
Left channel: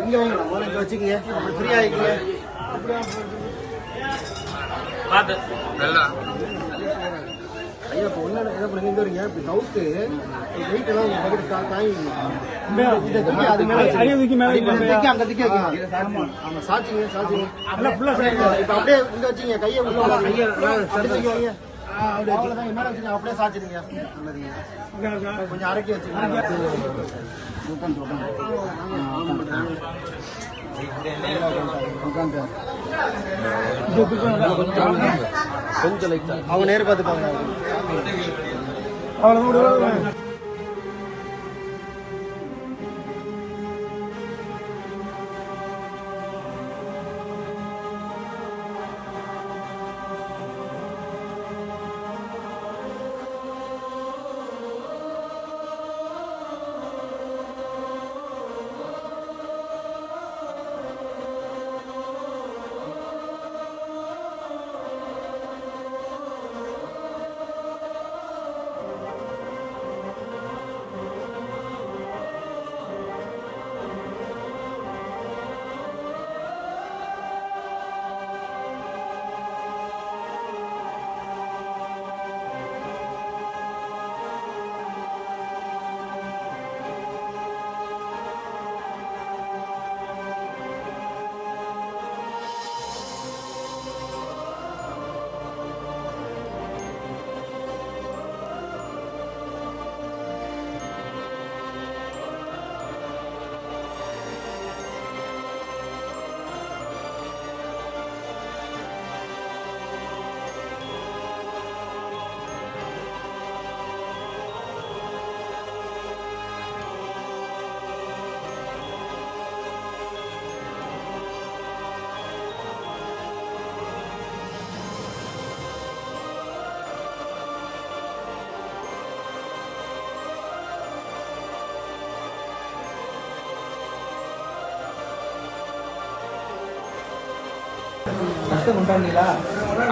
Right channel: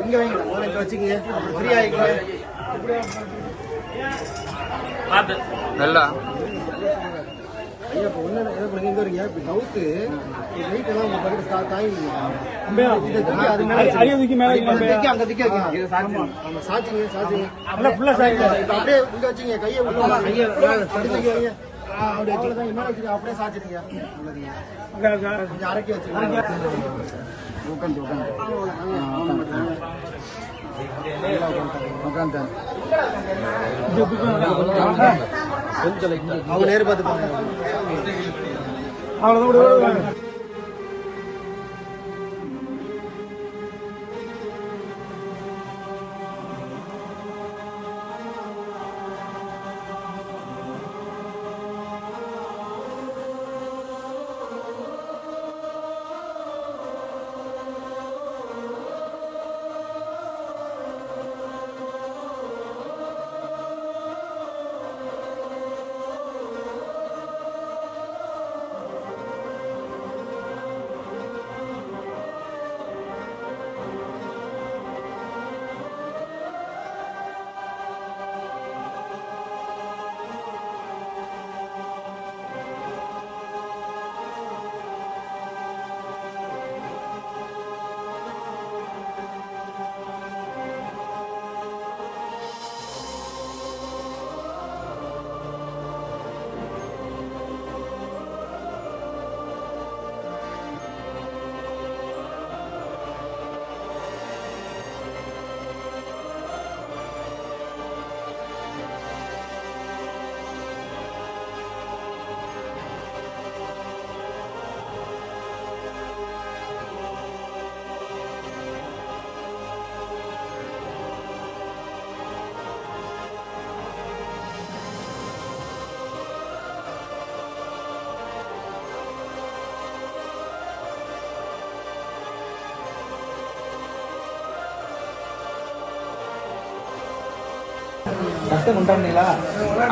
இங்க வைங்க, முதல்ல வச்சுக்கங்க, அப்படி ஃப்ரீ ஆகிக்கலாம். பாட்டு நல்லா. ஐயா இப்ப ஒண்ணு என்ன பண்ணி இங்க வரீங்க, இப்படி டவுட்டு வெயிட் எல்லாம் உங்க பக்கத்து தாங்கி அது மேல அரிய தூக்கி மேல அங்க திக்க வைக்கணும். ஆமா சாட்சிங்க சாட்சிங்க ஃபுல்லா இப்ப அப்படியே இங்க வச்சுங்க, கையை வைங்க. அவ்வளவுதான், என்ன வச்சுங்க, அப்படியே சாச்சிடுங்க. நல்லதுங்க, கொஞ்சம் அரைக்கி வச்சுங்க. அவங்க நேரு பார்த்து பாருங்க. அவ்வளவுதான்.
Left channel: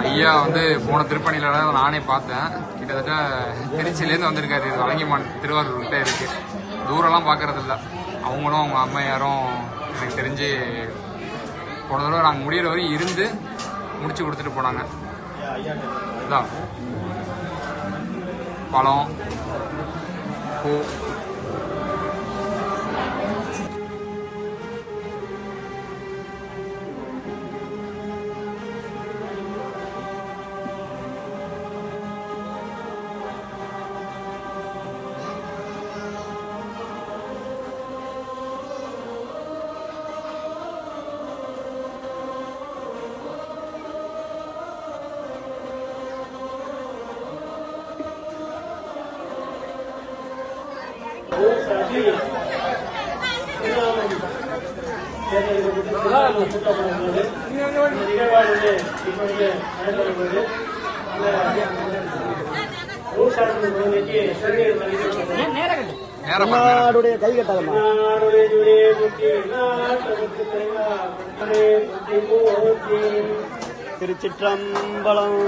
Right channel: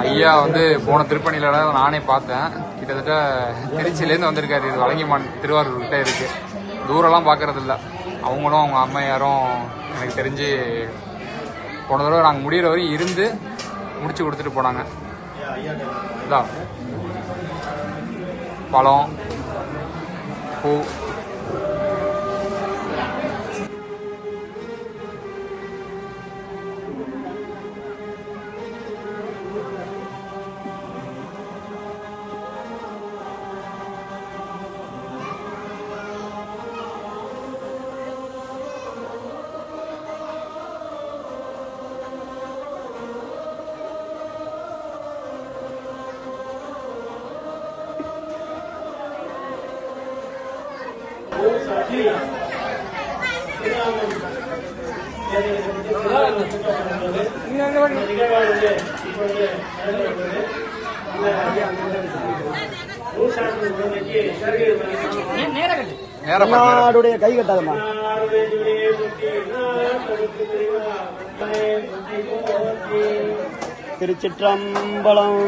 ஐயா வந்து போன திருப்பணியில நானே பார்த்தேன். கிட்டத்தட்ட திருச்சியிலேருந்து வந்திருக்காரு. இது வலங்கிமான் திருவாரூர் கிட்ட இருக்கு. தூரம்லாம் பார்க்கறது இல்லை. அவங்களும் அவங்க அம்மையாரும் எனக்கு தெரிஞ்சு போன தடவை நாங்கள் முடிகிற வரையும் இருந்து முடிச்சு கொடுத்துட்டு போனாங்க. இதான் பழம், பூ. கை கட்டாதமா திருச்சிற்றம்பலம்.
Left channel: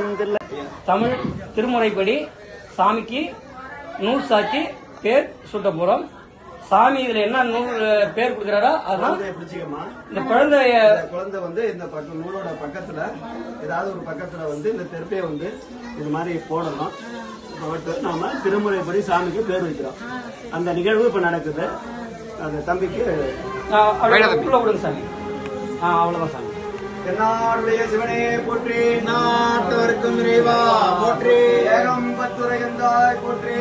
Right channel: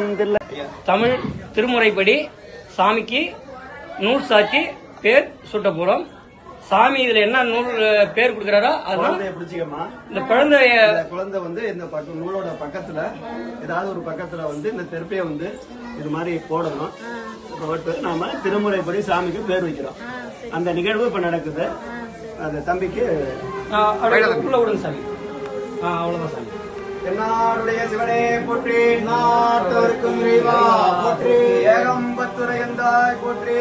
தமிழ் திருமுறைப்படி சாமிக்கு நூல் சாட்சி பேர் சுட்ட போறோம். சாமி இதுல என்ன நூல் பேர் கொடுக்கிறாரோ அதான் பிடிச்சிக்கமா. இந்த குழந்தை வந்து இந்த நூலோட பக்கத்துல ஏதாவது ஒரு பக்கத்துல வந்து இந்த தெருப்பைய வந்து இது மாதிரி போடணும். நாம திருமுறைப்படி சாமிக்கு பேர் வைக்கிறோம். அந்த நிகழ்வு இப்ப நடக்குது. அந்த தம்பிக்கு சாமி அவ்வளவுதான் சாமி. என்னாருடைய சிவனே போற்றி, நாட்டவருக்கும் இறைவா போற்றி, ஏகம்பத்துரையந்தாய் போற்றி,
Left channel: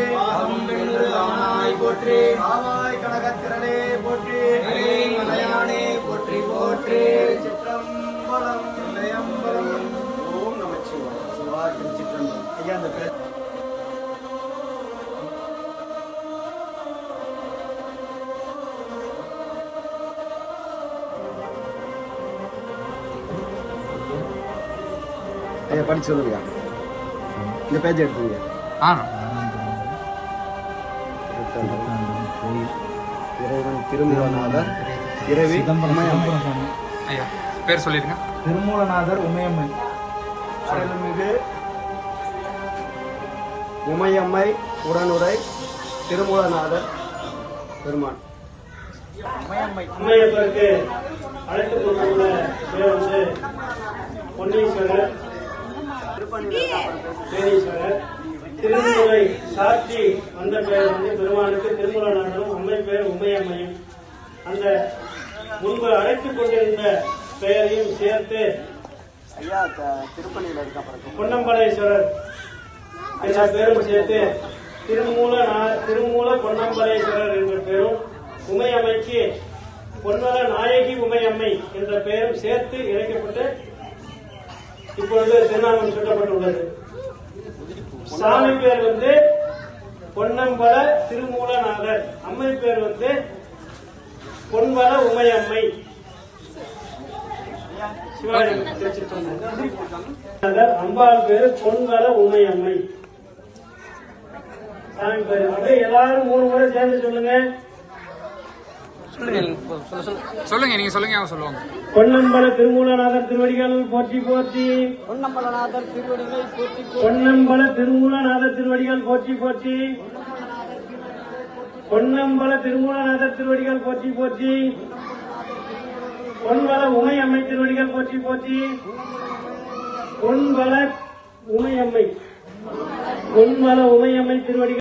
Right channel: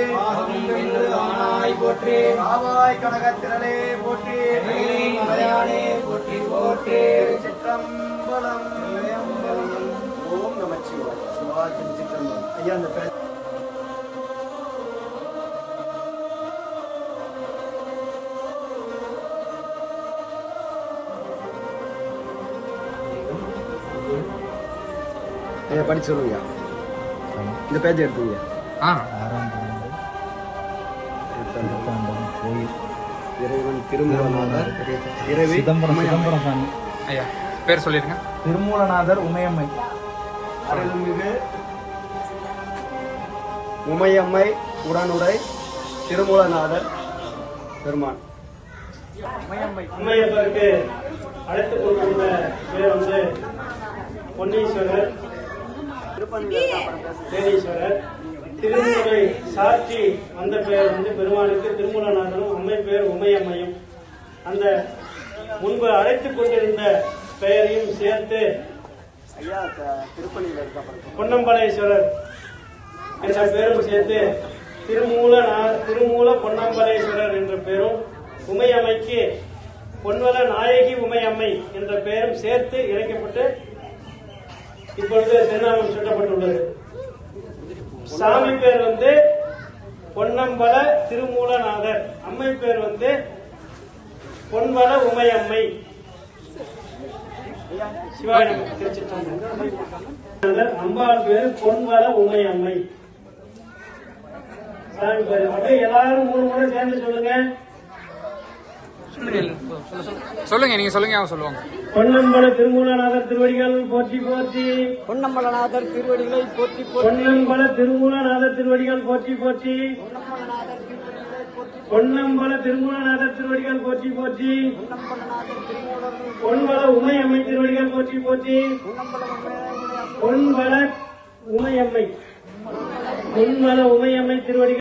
போற்றி, ஆவாய் கனகத்திரனே போற்றி, போற்றி போற்றி, சிற்றம்பலம். ஓம் நமச்சிவாய. சிவாய சிற்றம்பலம். ஐயா அந்த படிச்சு சொல்லுங்க. இந்த பேஜ் எடுத்துங்க. இறைவன் திருமூலநாதர், சிதம்பரம் சாமி. ஐயா பேர் சொல்லிருங்க. திருமூலநாதர் உமையம்மை. உமையம்மை உடனுரை திருமூலநாதர் பெருமான். அம்மையப்பருக்கு அழைத்து கொண்டுள்ள பேர் வந்து பொன்னீஸ்வரர், தேனீஸ்வரர். திருமுறை சாட்சி அந்த பெயர் வந்து பெருமானுக்கு திருமூலநாதனும், அம்மை பெயர் உமையம்மையும். அந்த முன்பு அழைத்துக் கொண்டிருந்த பெயரையும் சேர்த்து பொன்னம்பலேஸ்வரர் என்ற பெயரும் சேர்த்து திருமூல பொன்னம்பலேஸ்வரர் என்ற பெயரும், உமையம்மைக்கு பொன்வல நாயகி உமையம்மை என்ற பெயரும் சேர்த்து இணைக்கப்பட்டு இப்பொழுது திருநாமம் சூட்டப்பட்டுள்ளது. சாமி பேர் வந்து பொன்னம்பல திருமூலநாதர், அம்மை பேர் வந்து பொன்வல உமையம்மை. சிவாயம் திருச்சிற்றம்பலம். அம்பாள் பேரு பொன்வல உமையம்மை. சாமி பேரு அப்படியே எல்லாரும் 3 முறை சேர்ந்து சொல்லுங்க. சொல்லுங்க, நீங்க சொல்லுங்க, அவங்க சொல்லுவாங்க. பொன்னம்பல திருமூலநாதர் திருவடிகள் போற்றி போற்றி, பொன்னம்பலநாதர் திருவடிகள் போற்றி, பொன்னம்பல திருமூலநாதர் திருவடிகள் போற்றி போற்றி, பொன்னம்பல திருமூலநாதர் திருவடிகள் போற்றி போற்றி, பொன்வல உமையம்மை திருவடிகள் போற்றி போற்றி, பொன்வல உமையம்மை, பொன்வல உமையம்மை திருவடிகள்.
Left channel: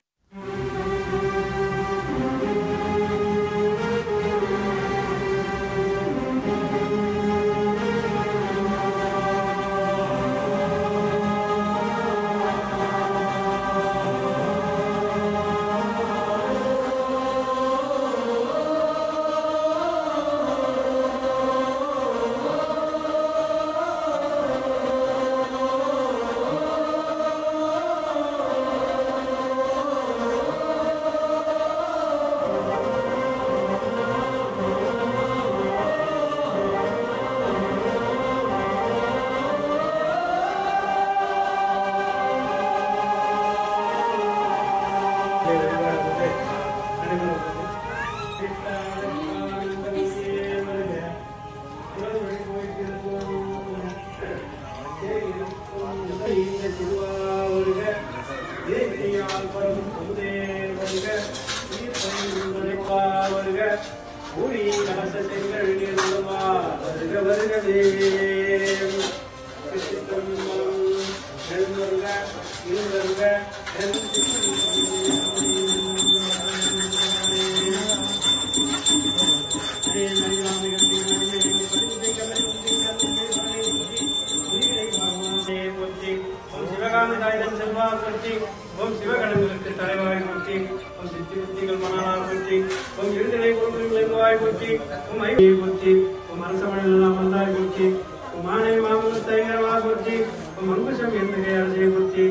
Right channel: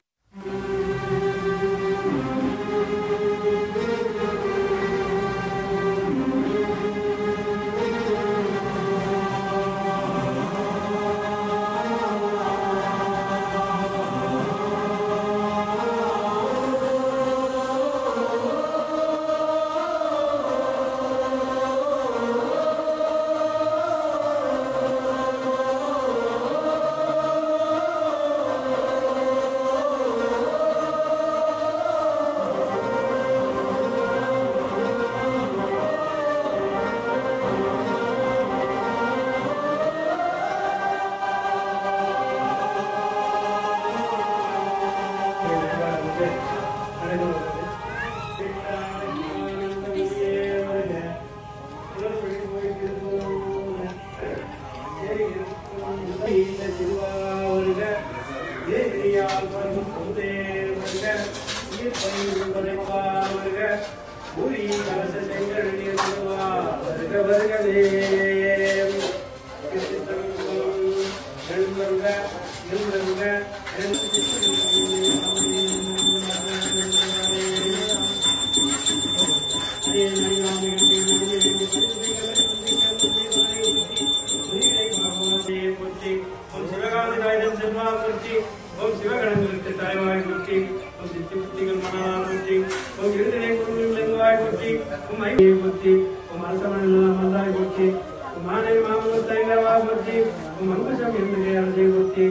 ஓம் சிவகணங்களுக்கு தலைவாய் போற்றி, ஓம் சித்திகள் மகனார் போற்றி, ஓம் விடுதலை குருவாய் போற்றி, ஓம் ஐயை போற்றி, ஓம் அரசமணல் அமர்ந்தாய் போற்றி, ஓம் மானை மாமலத்தங்கரவாய் போற்றி, ஓம் அங்குசம் எந்திரையாளை போற்றி.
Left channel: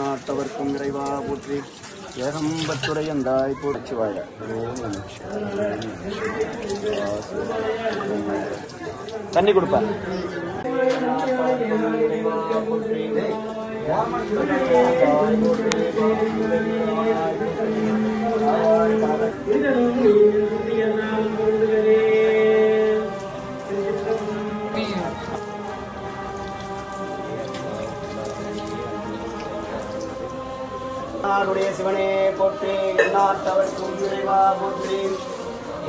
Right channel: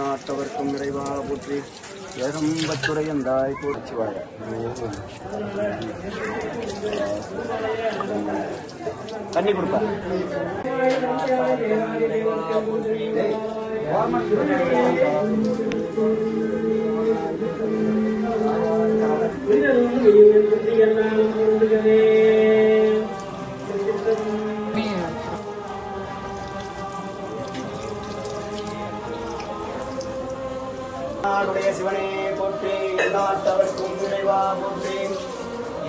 நாட்டவர்க்கும் இறைவா போற்றி, ஏகம்பத்துறையும் வாய் போற்றி வாழ. தண்ணி கொடுப்பா. நாடுடைய சிவனே போற்றி, நாட்டவர்க்கும் இறைவா போற்றி,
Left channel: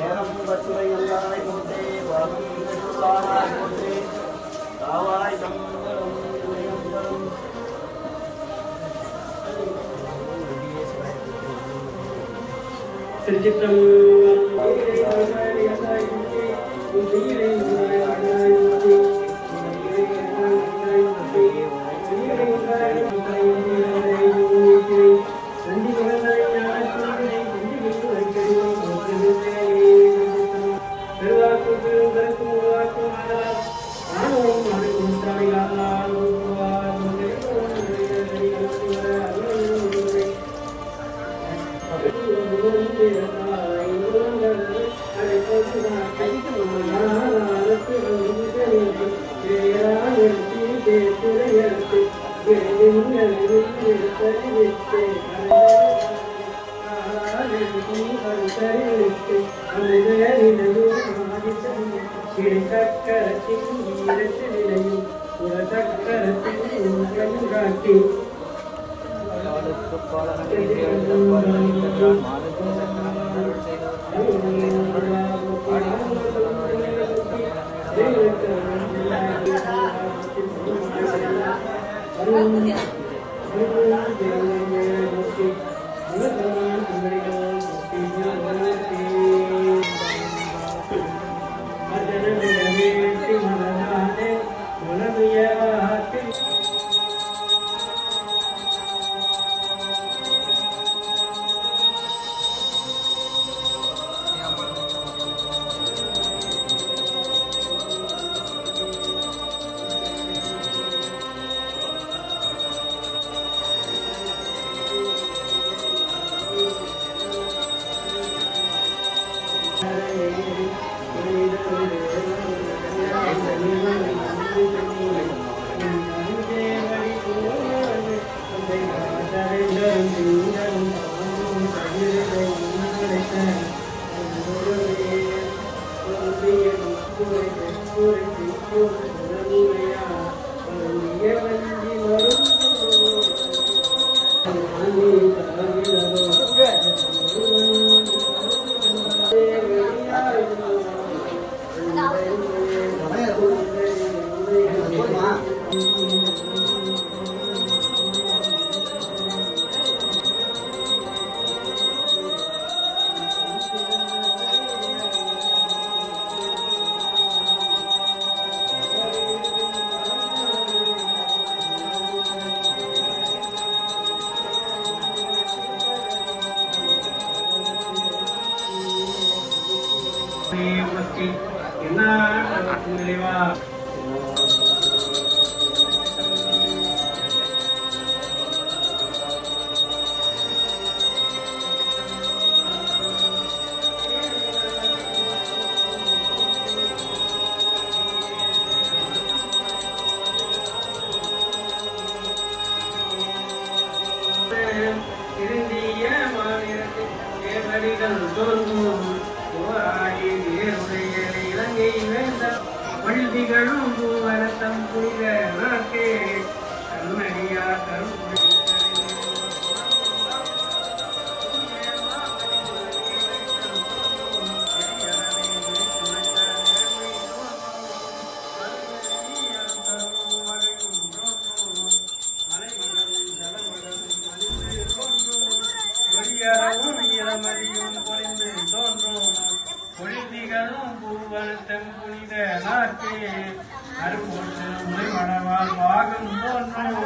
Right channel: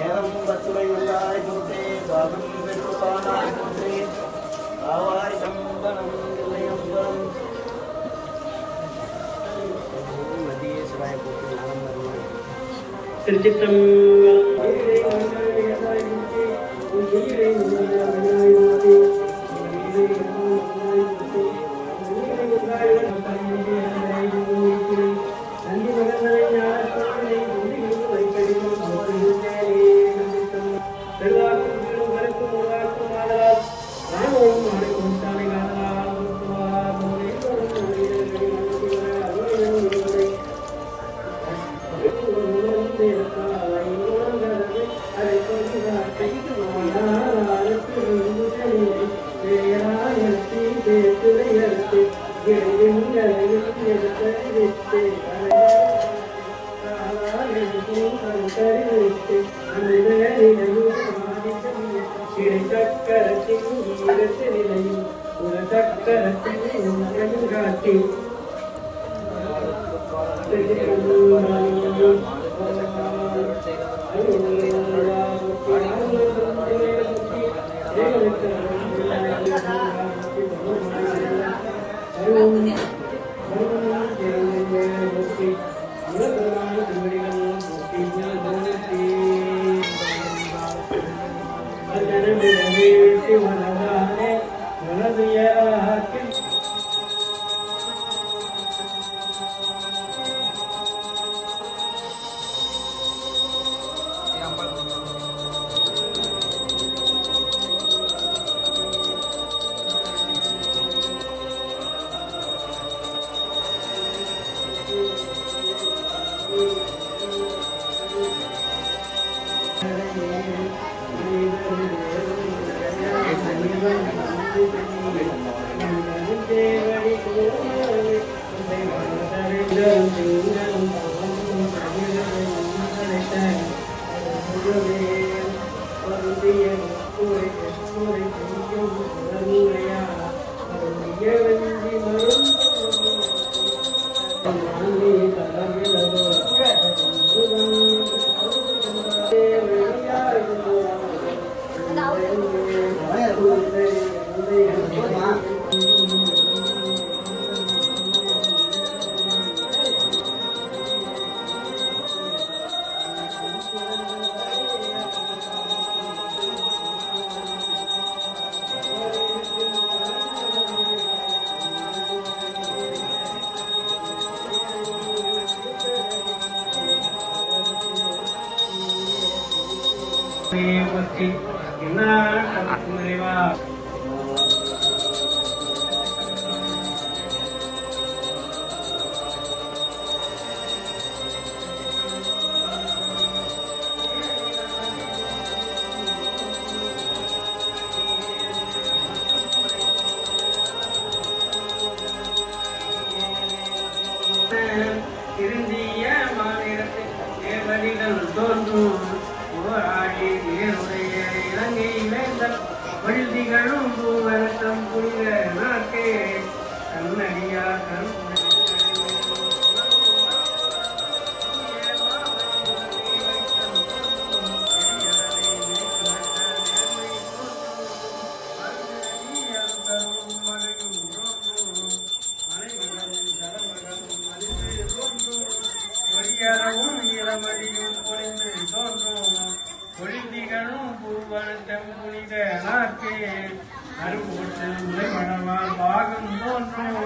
ஏகம்பத்துறை நல்லாய் போற்றி, பாகம் பெற்றுள்ளானாய் போற்றி, காவாய் கம்பளம் இளையம்பலம் நதியே சிவாய போற்றி. என்ன நிறைவா திருந்திய மாநிலத்தில் தேவடிகள் தோன்றும் ஆடி இலங்கை இழந்த வழுதிகளும் பூவனத்தம் புரித நாட்டே கண்ணடியார் கருப்புரை பொழுதிகளும் பூவனத்தம் புனித நாட்டே பாகம் தோன்றும்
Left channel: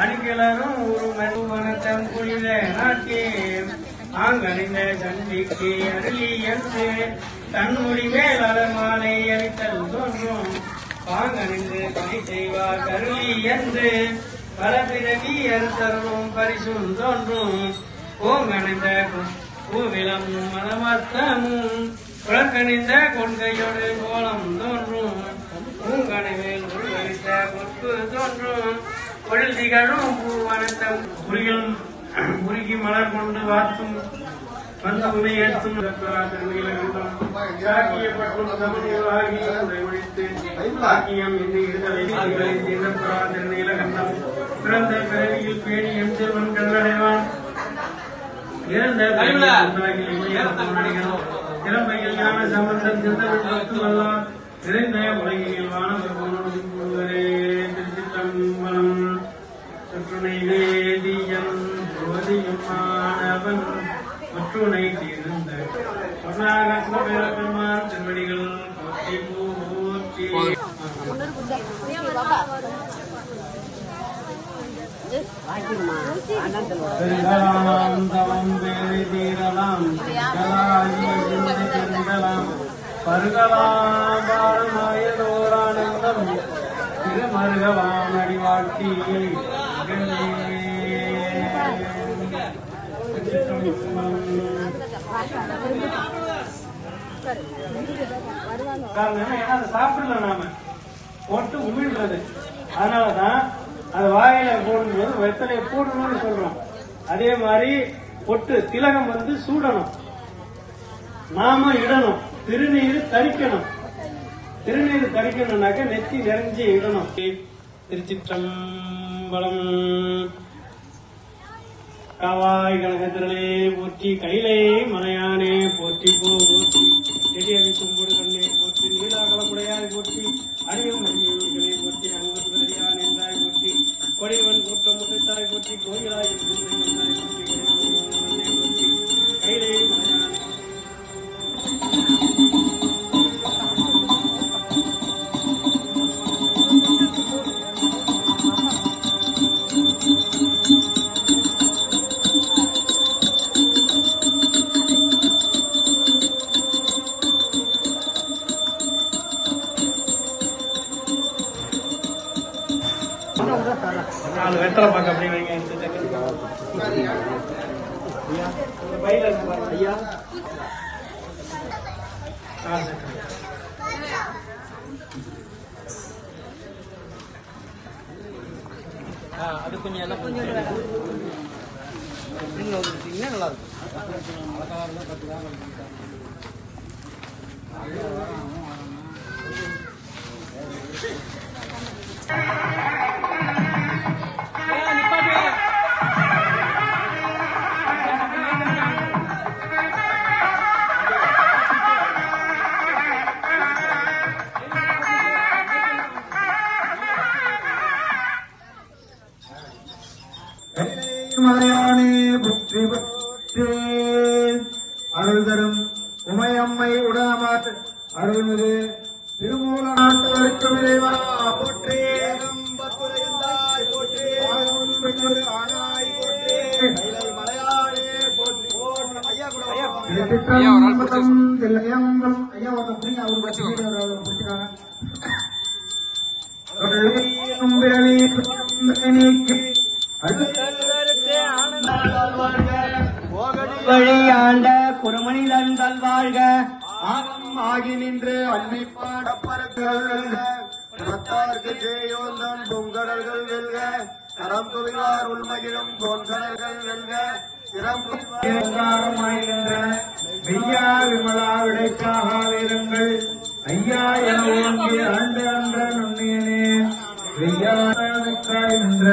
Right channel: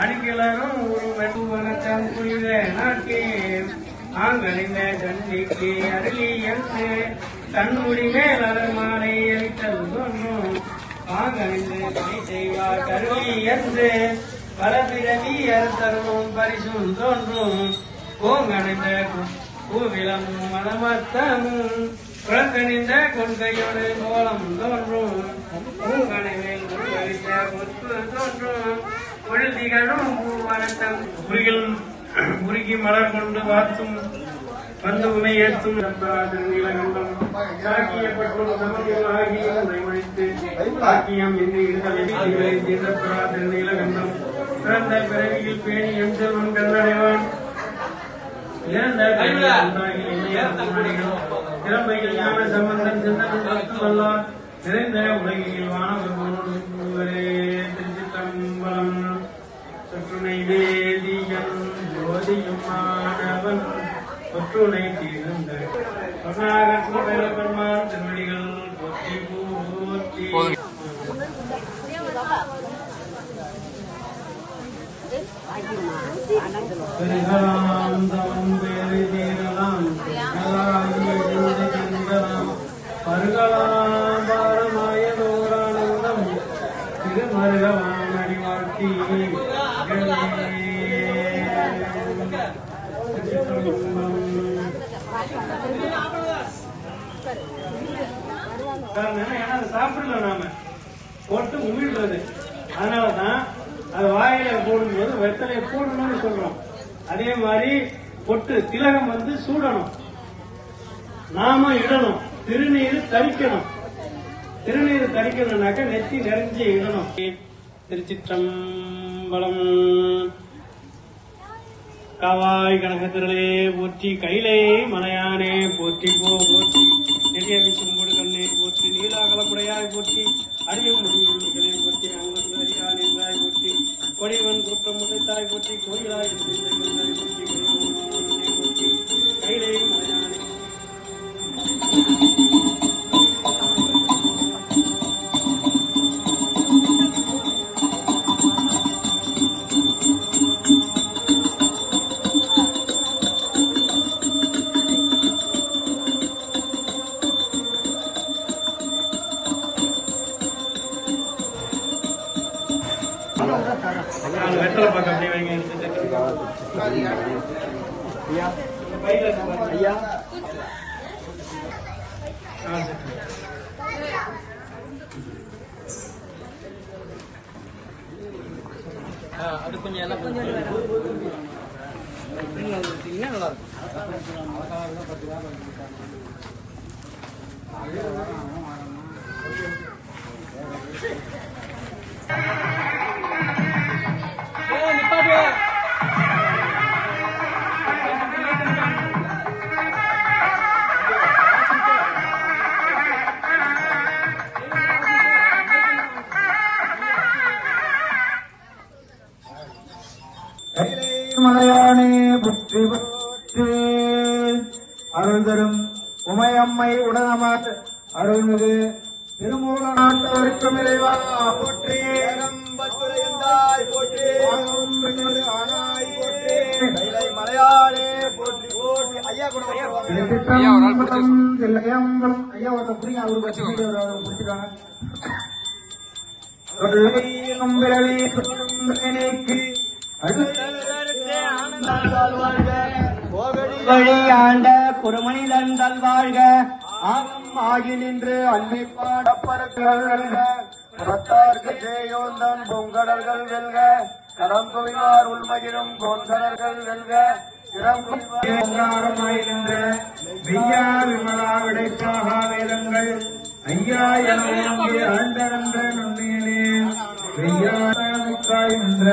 அணுகிலரும் ஒரு வனத்தம் புனித நாட்டே தாங்கறிந்த கண்டிக்கு அருளி என்று தன்முடி மேல் அரமானை அளித்தல் தோன்றும் தாங்கறிந்து துணை செய்வார் கருளி என்று பலபிறவி அறுத்தருளும் பரிசும் தோன்றும் கோங்கணிந்த பூவிலமும் மனமத்தமும் குளக்கணிந்த கொள்கையோடு கோலம் தோன்றும் பூங்கணிவில் உருவளித்த கொத்து தோன்றும் பொழுதிகளும் பூவனத்தம் உருகி மலர் கொண்டு வார்த்தும் வந்த உமை ஏற்றும் நீலகண்டம் பிறந்த பிறவியில் பேணியம் செல்வன் கண்டடைவான் திறமையில் ஞான சம்பந்தம் சிந்தவல்லார் நிறைந்த உலகில் வானவர்களோடு திருச்சித்தம்பலம் சற்றுணை வேதியம் ஜோதியும் மாணவன் ஒற்றுணை தீர்ந்த பெருமாள் திருமணிகள் போற்றி போற்றி திருமருகலாம் அறிவாட்டி சாப்பிடல நாம போட்டு உமிழ்றது. அதனாலதான் அந்த வாயில போடும்போது வெத்தலை போடணும்னு சொல்றோம். அதே மாதிரி பொட்டு திலகம் வந்து சூடணும், நாம இடணும், திருநீர் தரிக்கணும். திருநீர் தரிக்கணும்னாக்க நெத்தி நிறைஞ்சு இடணும். திருச்சிற்றம்பலம். காவாய் கனகத்திலே போற்றி, கையிலே மலையானே போற்றி, போற்றி திவ்யவிக்கும் கொடுக்கண்ணே போற்றி, நீலாகலமுடையாய் போற்றி, அடியும் மணியை போற்றி, அங்கோடு என்றாய் போற்றி, கொடியவன் குற்றம் முதத்தாய் போற்றி, கோயிலாய் கையிலே வெத்தலை பார்க்க அப்படியே வைங்க ஐயா. அது கொஞ்சம் எல்லாம் கொஞ்சம் நல்லா இருக்கும். நிப்பாட்டு மலையானே புற்றி புற்று அருள் தரும் உமையம்மை உடனமாற்ற அருள்மிகு திருமூல நாட்டவருக்கும் இறைவா புற்றி மலையானே போற்றி ஐயா கூட ஐயா ஒரு நாள் பிடிச்சி ஐயா ஒரு பிடிச்சுக்கோங்க. வழியாண்ட குருமனிதன் தல்வாழ்க ஆகி நின்று அன்பிப்பாடப்பர்கள் பத்தார்க்கு தேயோந்தம் பொங்கடல்கள் வெல்க கரம் குவிவார் உள்மகிழும் பொங்கடல்கள் வெல்க சிறப்பாகின்ற வித்யா விமலா விடைக்காக வேதங்கள் ஐயா என்ற நன்னியனே என்ற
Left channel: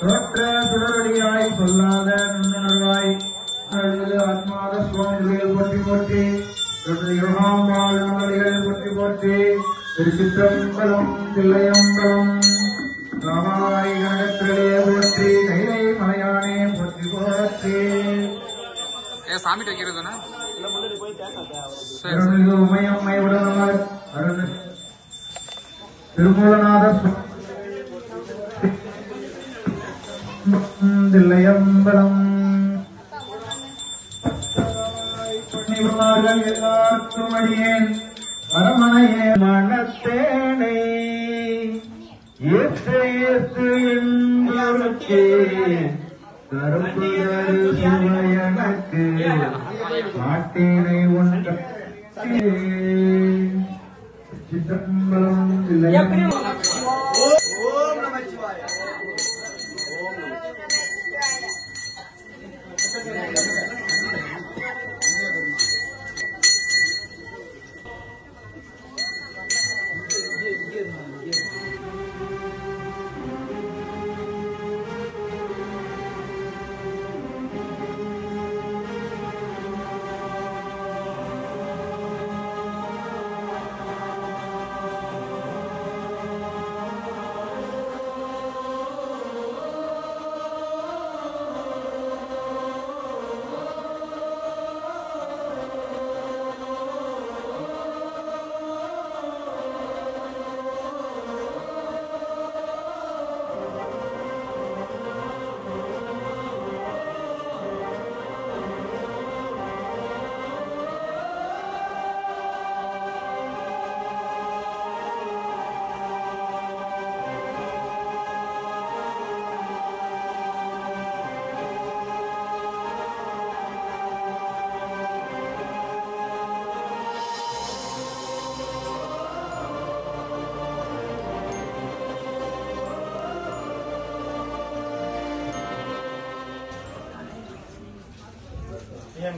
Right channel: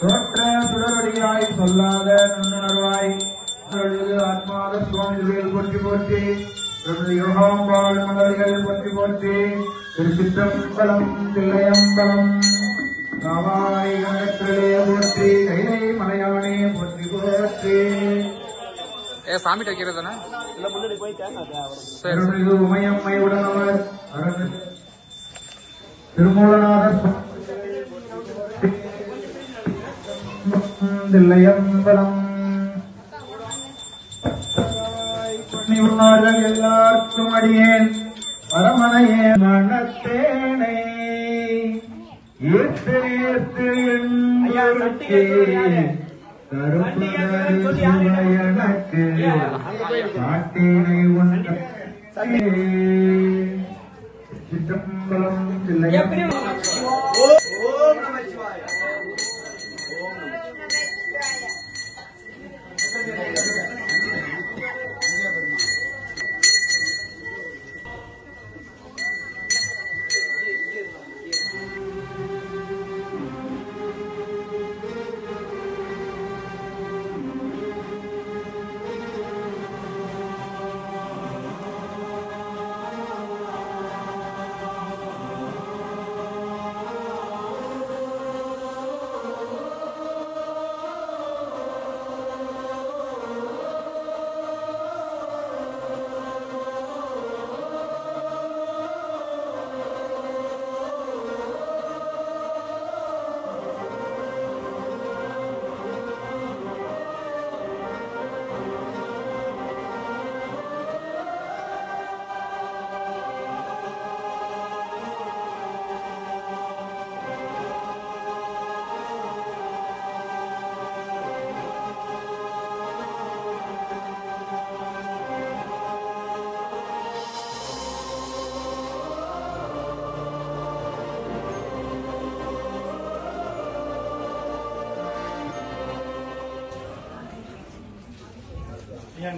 தோற்ற சுடரடியாய் சொல்லாத நுண்ணுணர்வாய் ஆத்மாத சுவாமிகள் போற்றி போற்றி யோகம் வாழ்வார்கள் போற்றி போற்றி திருச்சிற்றம்பலம் தில்லையம்பலம் காமாய் கணத்திலே போற்றி மலையானே போற்றி போற்றி சாமிட்ட வைக்கிறது தானே? சரி சரி. உமையம்மை உடனார் திருமூலநாதர் தில்லையம்பலம் எல்லாருக்கும் அடியேன் அரமனையே மனத்தேனை ஏற்று ஏற்று எண்ணே எனக்கு காட்டினை ஒன்ற சிற்றம்பலம்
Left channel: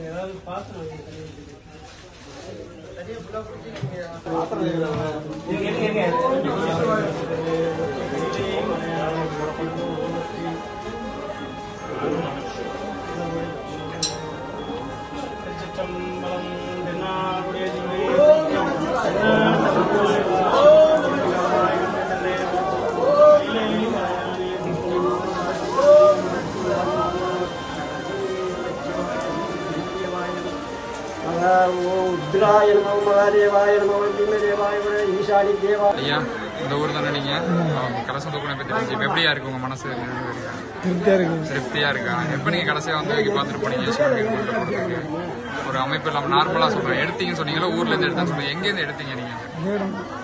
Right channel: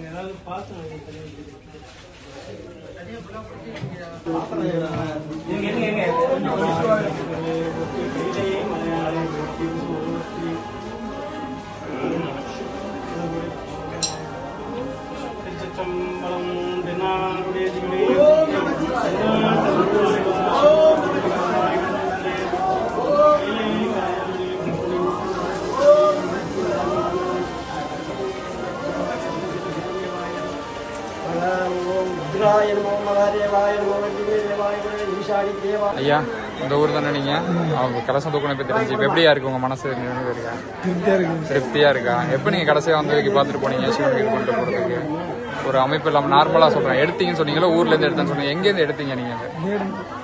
ஏதாவது பாசனம் ஐயா இந்த ஊர் தானே நீங்க? அவங்க கலசம் தூக்கணும் இப்ப தெரிஞ்சு இப்ப எப்படியா இருக்கு உங்க மனசு? இருக்கா? திருப்தியா இருக்கா? எப்ப நீங்க கடைசியா வந்து பாத்துட்டு போனீங்க சிவன் இது பண்ணிட்டு போறதுக்கு? ஒரு அமைப்பு இல்லாம நார்மலா சொல்றேன். எடுத்தீங்கன்னு சொன்னீங்களா? ஊர்ல இருந்து எடுத்தேன்னு சொன்னீங்க. எங்க இருந்து எடுத்தீங்க நீங்க?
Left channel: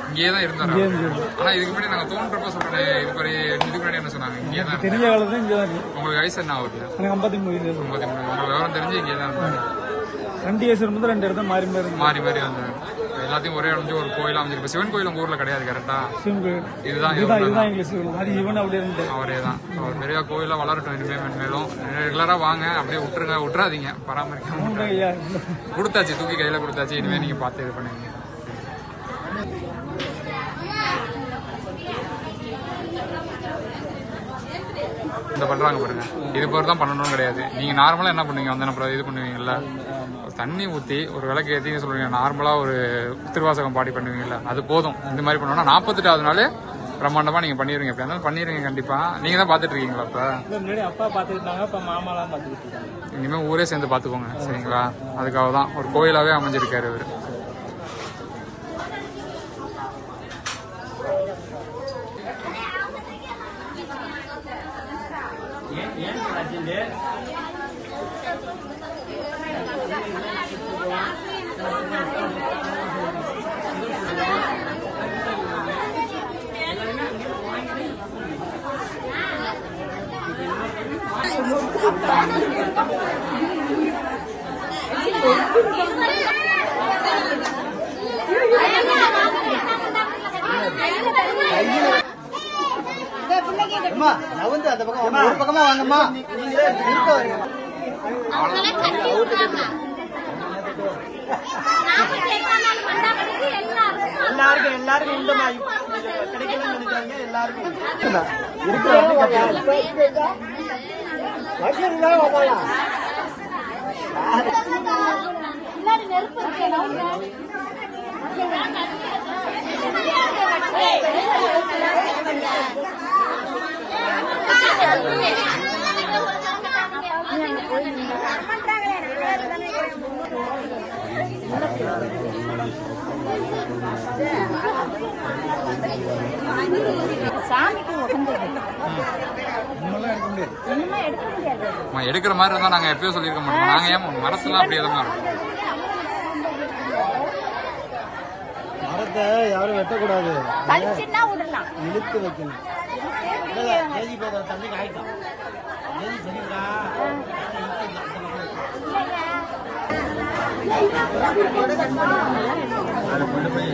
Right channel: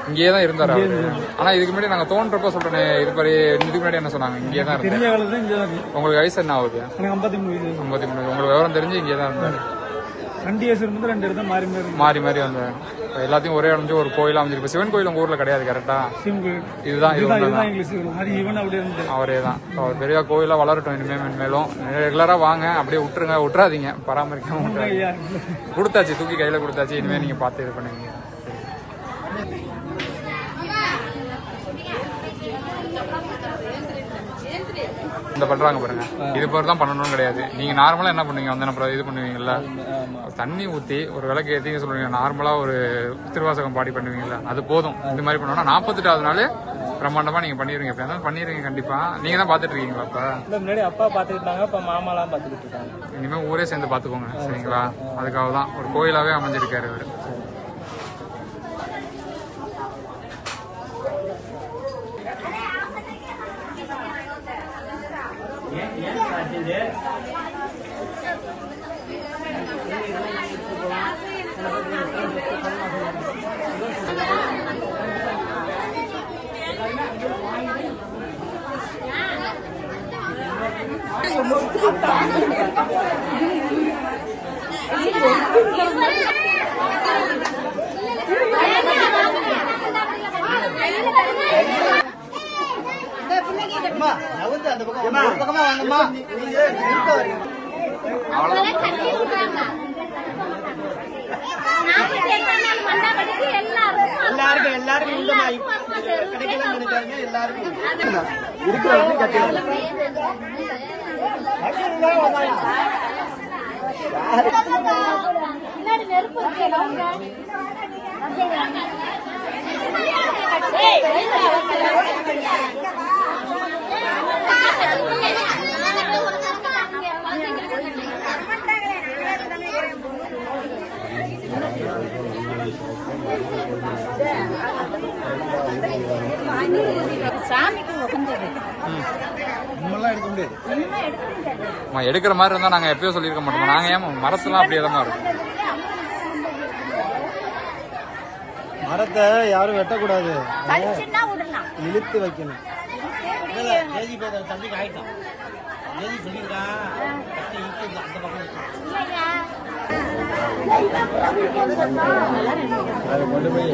இங்கேயே தான் இருந்தாரு அவரு. ஆனா இதுக்கு முன்னாடி நாங்க தோன்றப்ப சொல்றேன், இதுக்கு முன்னாடி என்ன சொன்னாங்க? இங்கே தான் இருந்தேன். உங்களுக்கு வயசு என்ன ஆகுது? 53. உங்களுக்கு விவரம் தெரிஞ்சு இங்கே தான் இருந்தாரு. 2 இயர்ஸ் இருந்து 2 இடத்துல மாறி மாறி வந்தாரு. எல்லாத்தையும் ஒரே அடைஞ்சு ஒரு கோயில் அமைஞ்சிருக்கு. சிவன் கோயில் உங்க ஊர்ல கிடையாது கரெக்டா? இதுதான் அவரே தான். அவர் பெரிய கோயிலா வளரட்டும் இனிமே மேலும். ரெகுலரா வாங்க, அப்படியே விட்டுறாதீங்க, பராமரிக்காம விட்டுறாதீங்க. கொடுத்தாச்சு, தூக்கி கையில கொடுத்தாச்சு. இனிமே நீங்க பார்த்து இது பண்ணுவீங்க. இந்த பண்றாங்க பாருங்க, இது போல தான் பண்ணணும்னு கிடையாது. நீங்க நார்மலா என்ன பண்ணுவீங்க? வந்து இது பண்ணுவீங்கல்ல, தண்ணி ஊத்தி ஒரு விளக்கு ஏத்தி சொல்லுவீங்க. நார்மலா ஒரு திருவாசகம் பாடி பண்ணுவீங்கல்ல, அது போதும். இந்த மாதிரி பண்ணோம்னா 48வது நாள் பிரம்மாண்டமா நீங்க பண்ணிருவீங்க. எப்படி இருந்தாலும் பண்ணிருவீங்க கண்டிப்பா. நீங்க தான் பாத்துட்டு இருக்கீங்களா? அப்ப முன்னாடி அப்பா பாத்துக்கிட்டாங்க, அப்ப மாமா எல்லாம் பாத்துக்கிட்டு இருக்காங்க. இனிமே ஊரே சேர்ந்து பாத்துக்கோங்க, சரிங்களா? அதுக்காக தான் ஒரு கோயிலாவே அமைஞ்சிருக்காரு இவரு. எல்லாருக்கும் உண்டுமா கிடைக்கலன்னு நினைக்காங்க. எல்லாருக்கும் சாமிக்கு உகந்தது எடுக்கிற மாதிரி இருந்தா நாங்க எப்பயோ சொல்லிருக்க மாட்டோம். நாங்க ஏன் மரத்துலாம் அப்படியே தான் இருக்கும். மரத்தை யாரும் வெட்டக்கூடாது, கடிச்சுன்னா விடலாம். இழுத்து வைக்கணும். தண்ணி காய்க்கும் இல்லையா கொண்டு போய்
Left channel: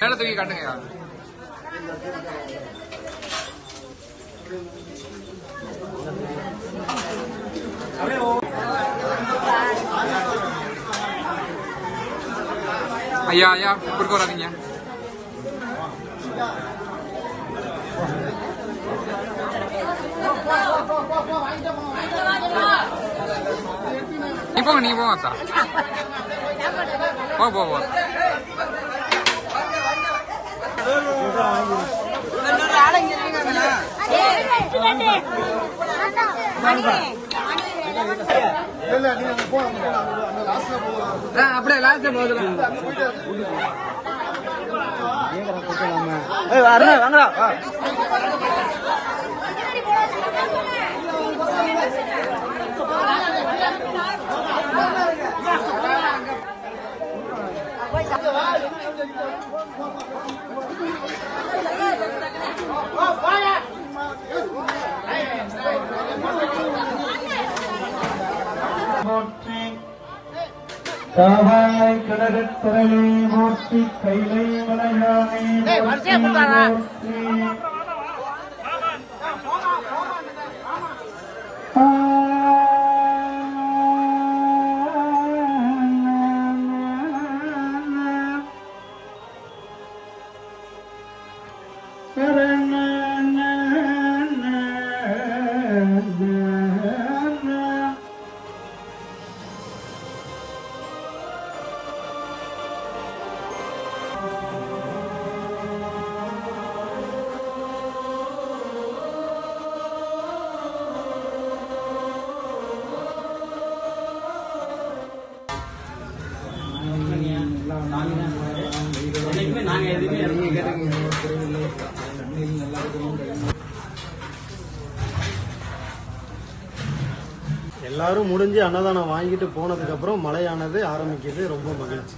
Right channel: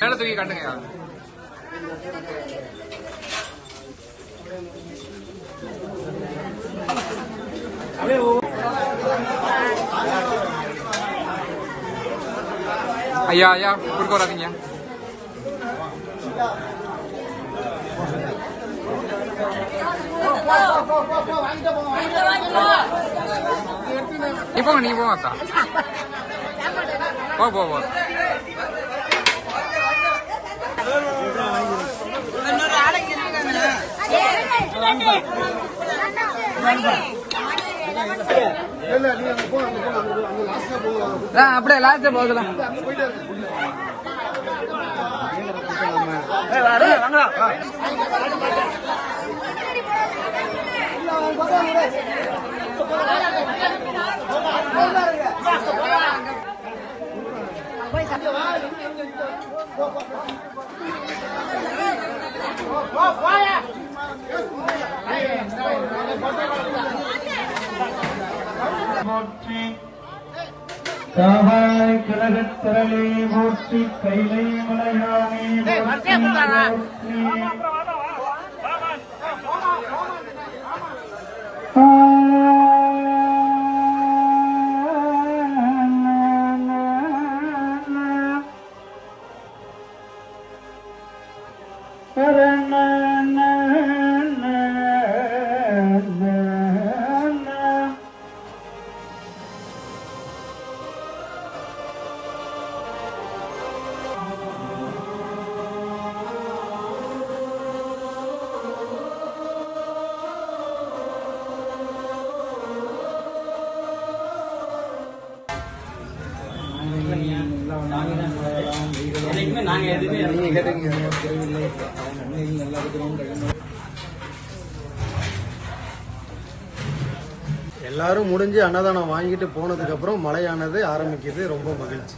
மேல தூக்கி காட்டுங்க. ஐயா ஐயா குறுக்க வராதீங்க. நீ போங்க அத்தா. போ அப்படியே லாஸ்ட்ல போகலாம். போற்றி காவாய கழகத்திரளே போற்றி கைலை மலையானே போற்றி போற்றி எல்லாரும் முடிஞ்சு அன்னதானம் வாங்கிட்டு போனதுக்கு அப்புறம் மழையானது ஆரம்பிக்குது. ரொம்ப மகிழ்ச்சி.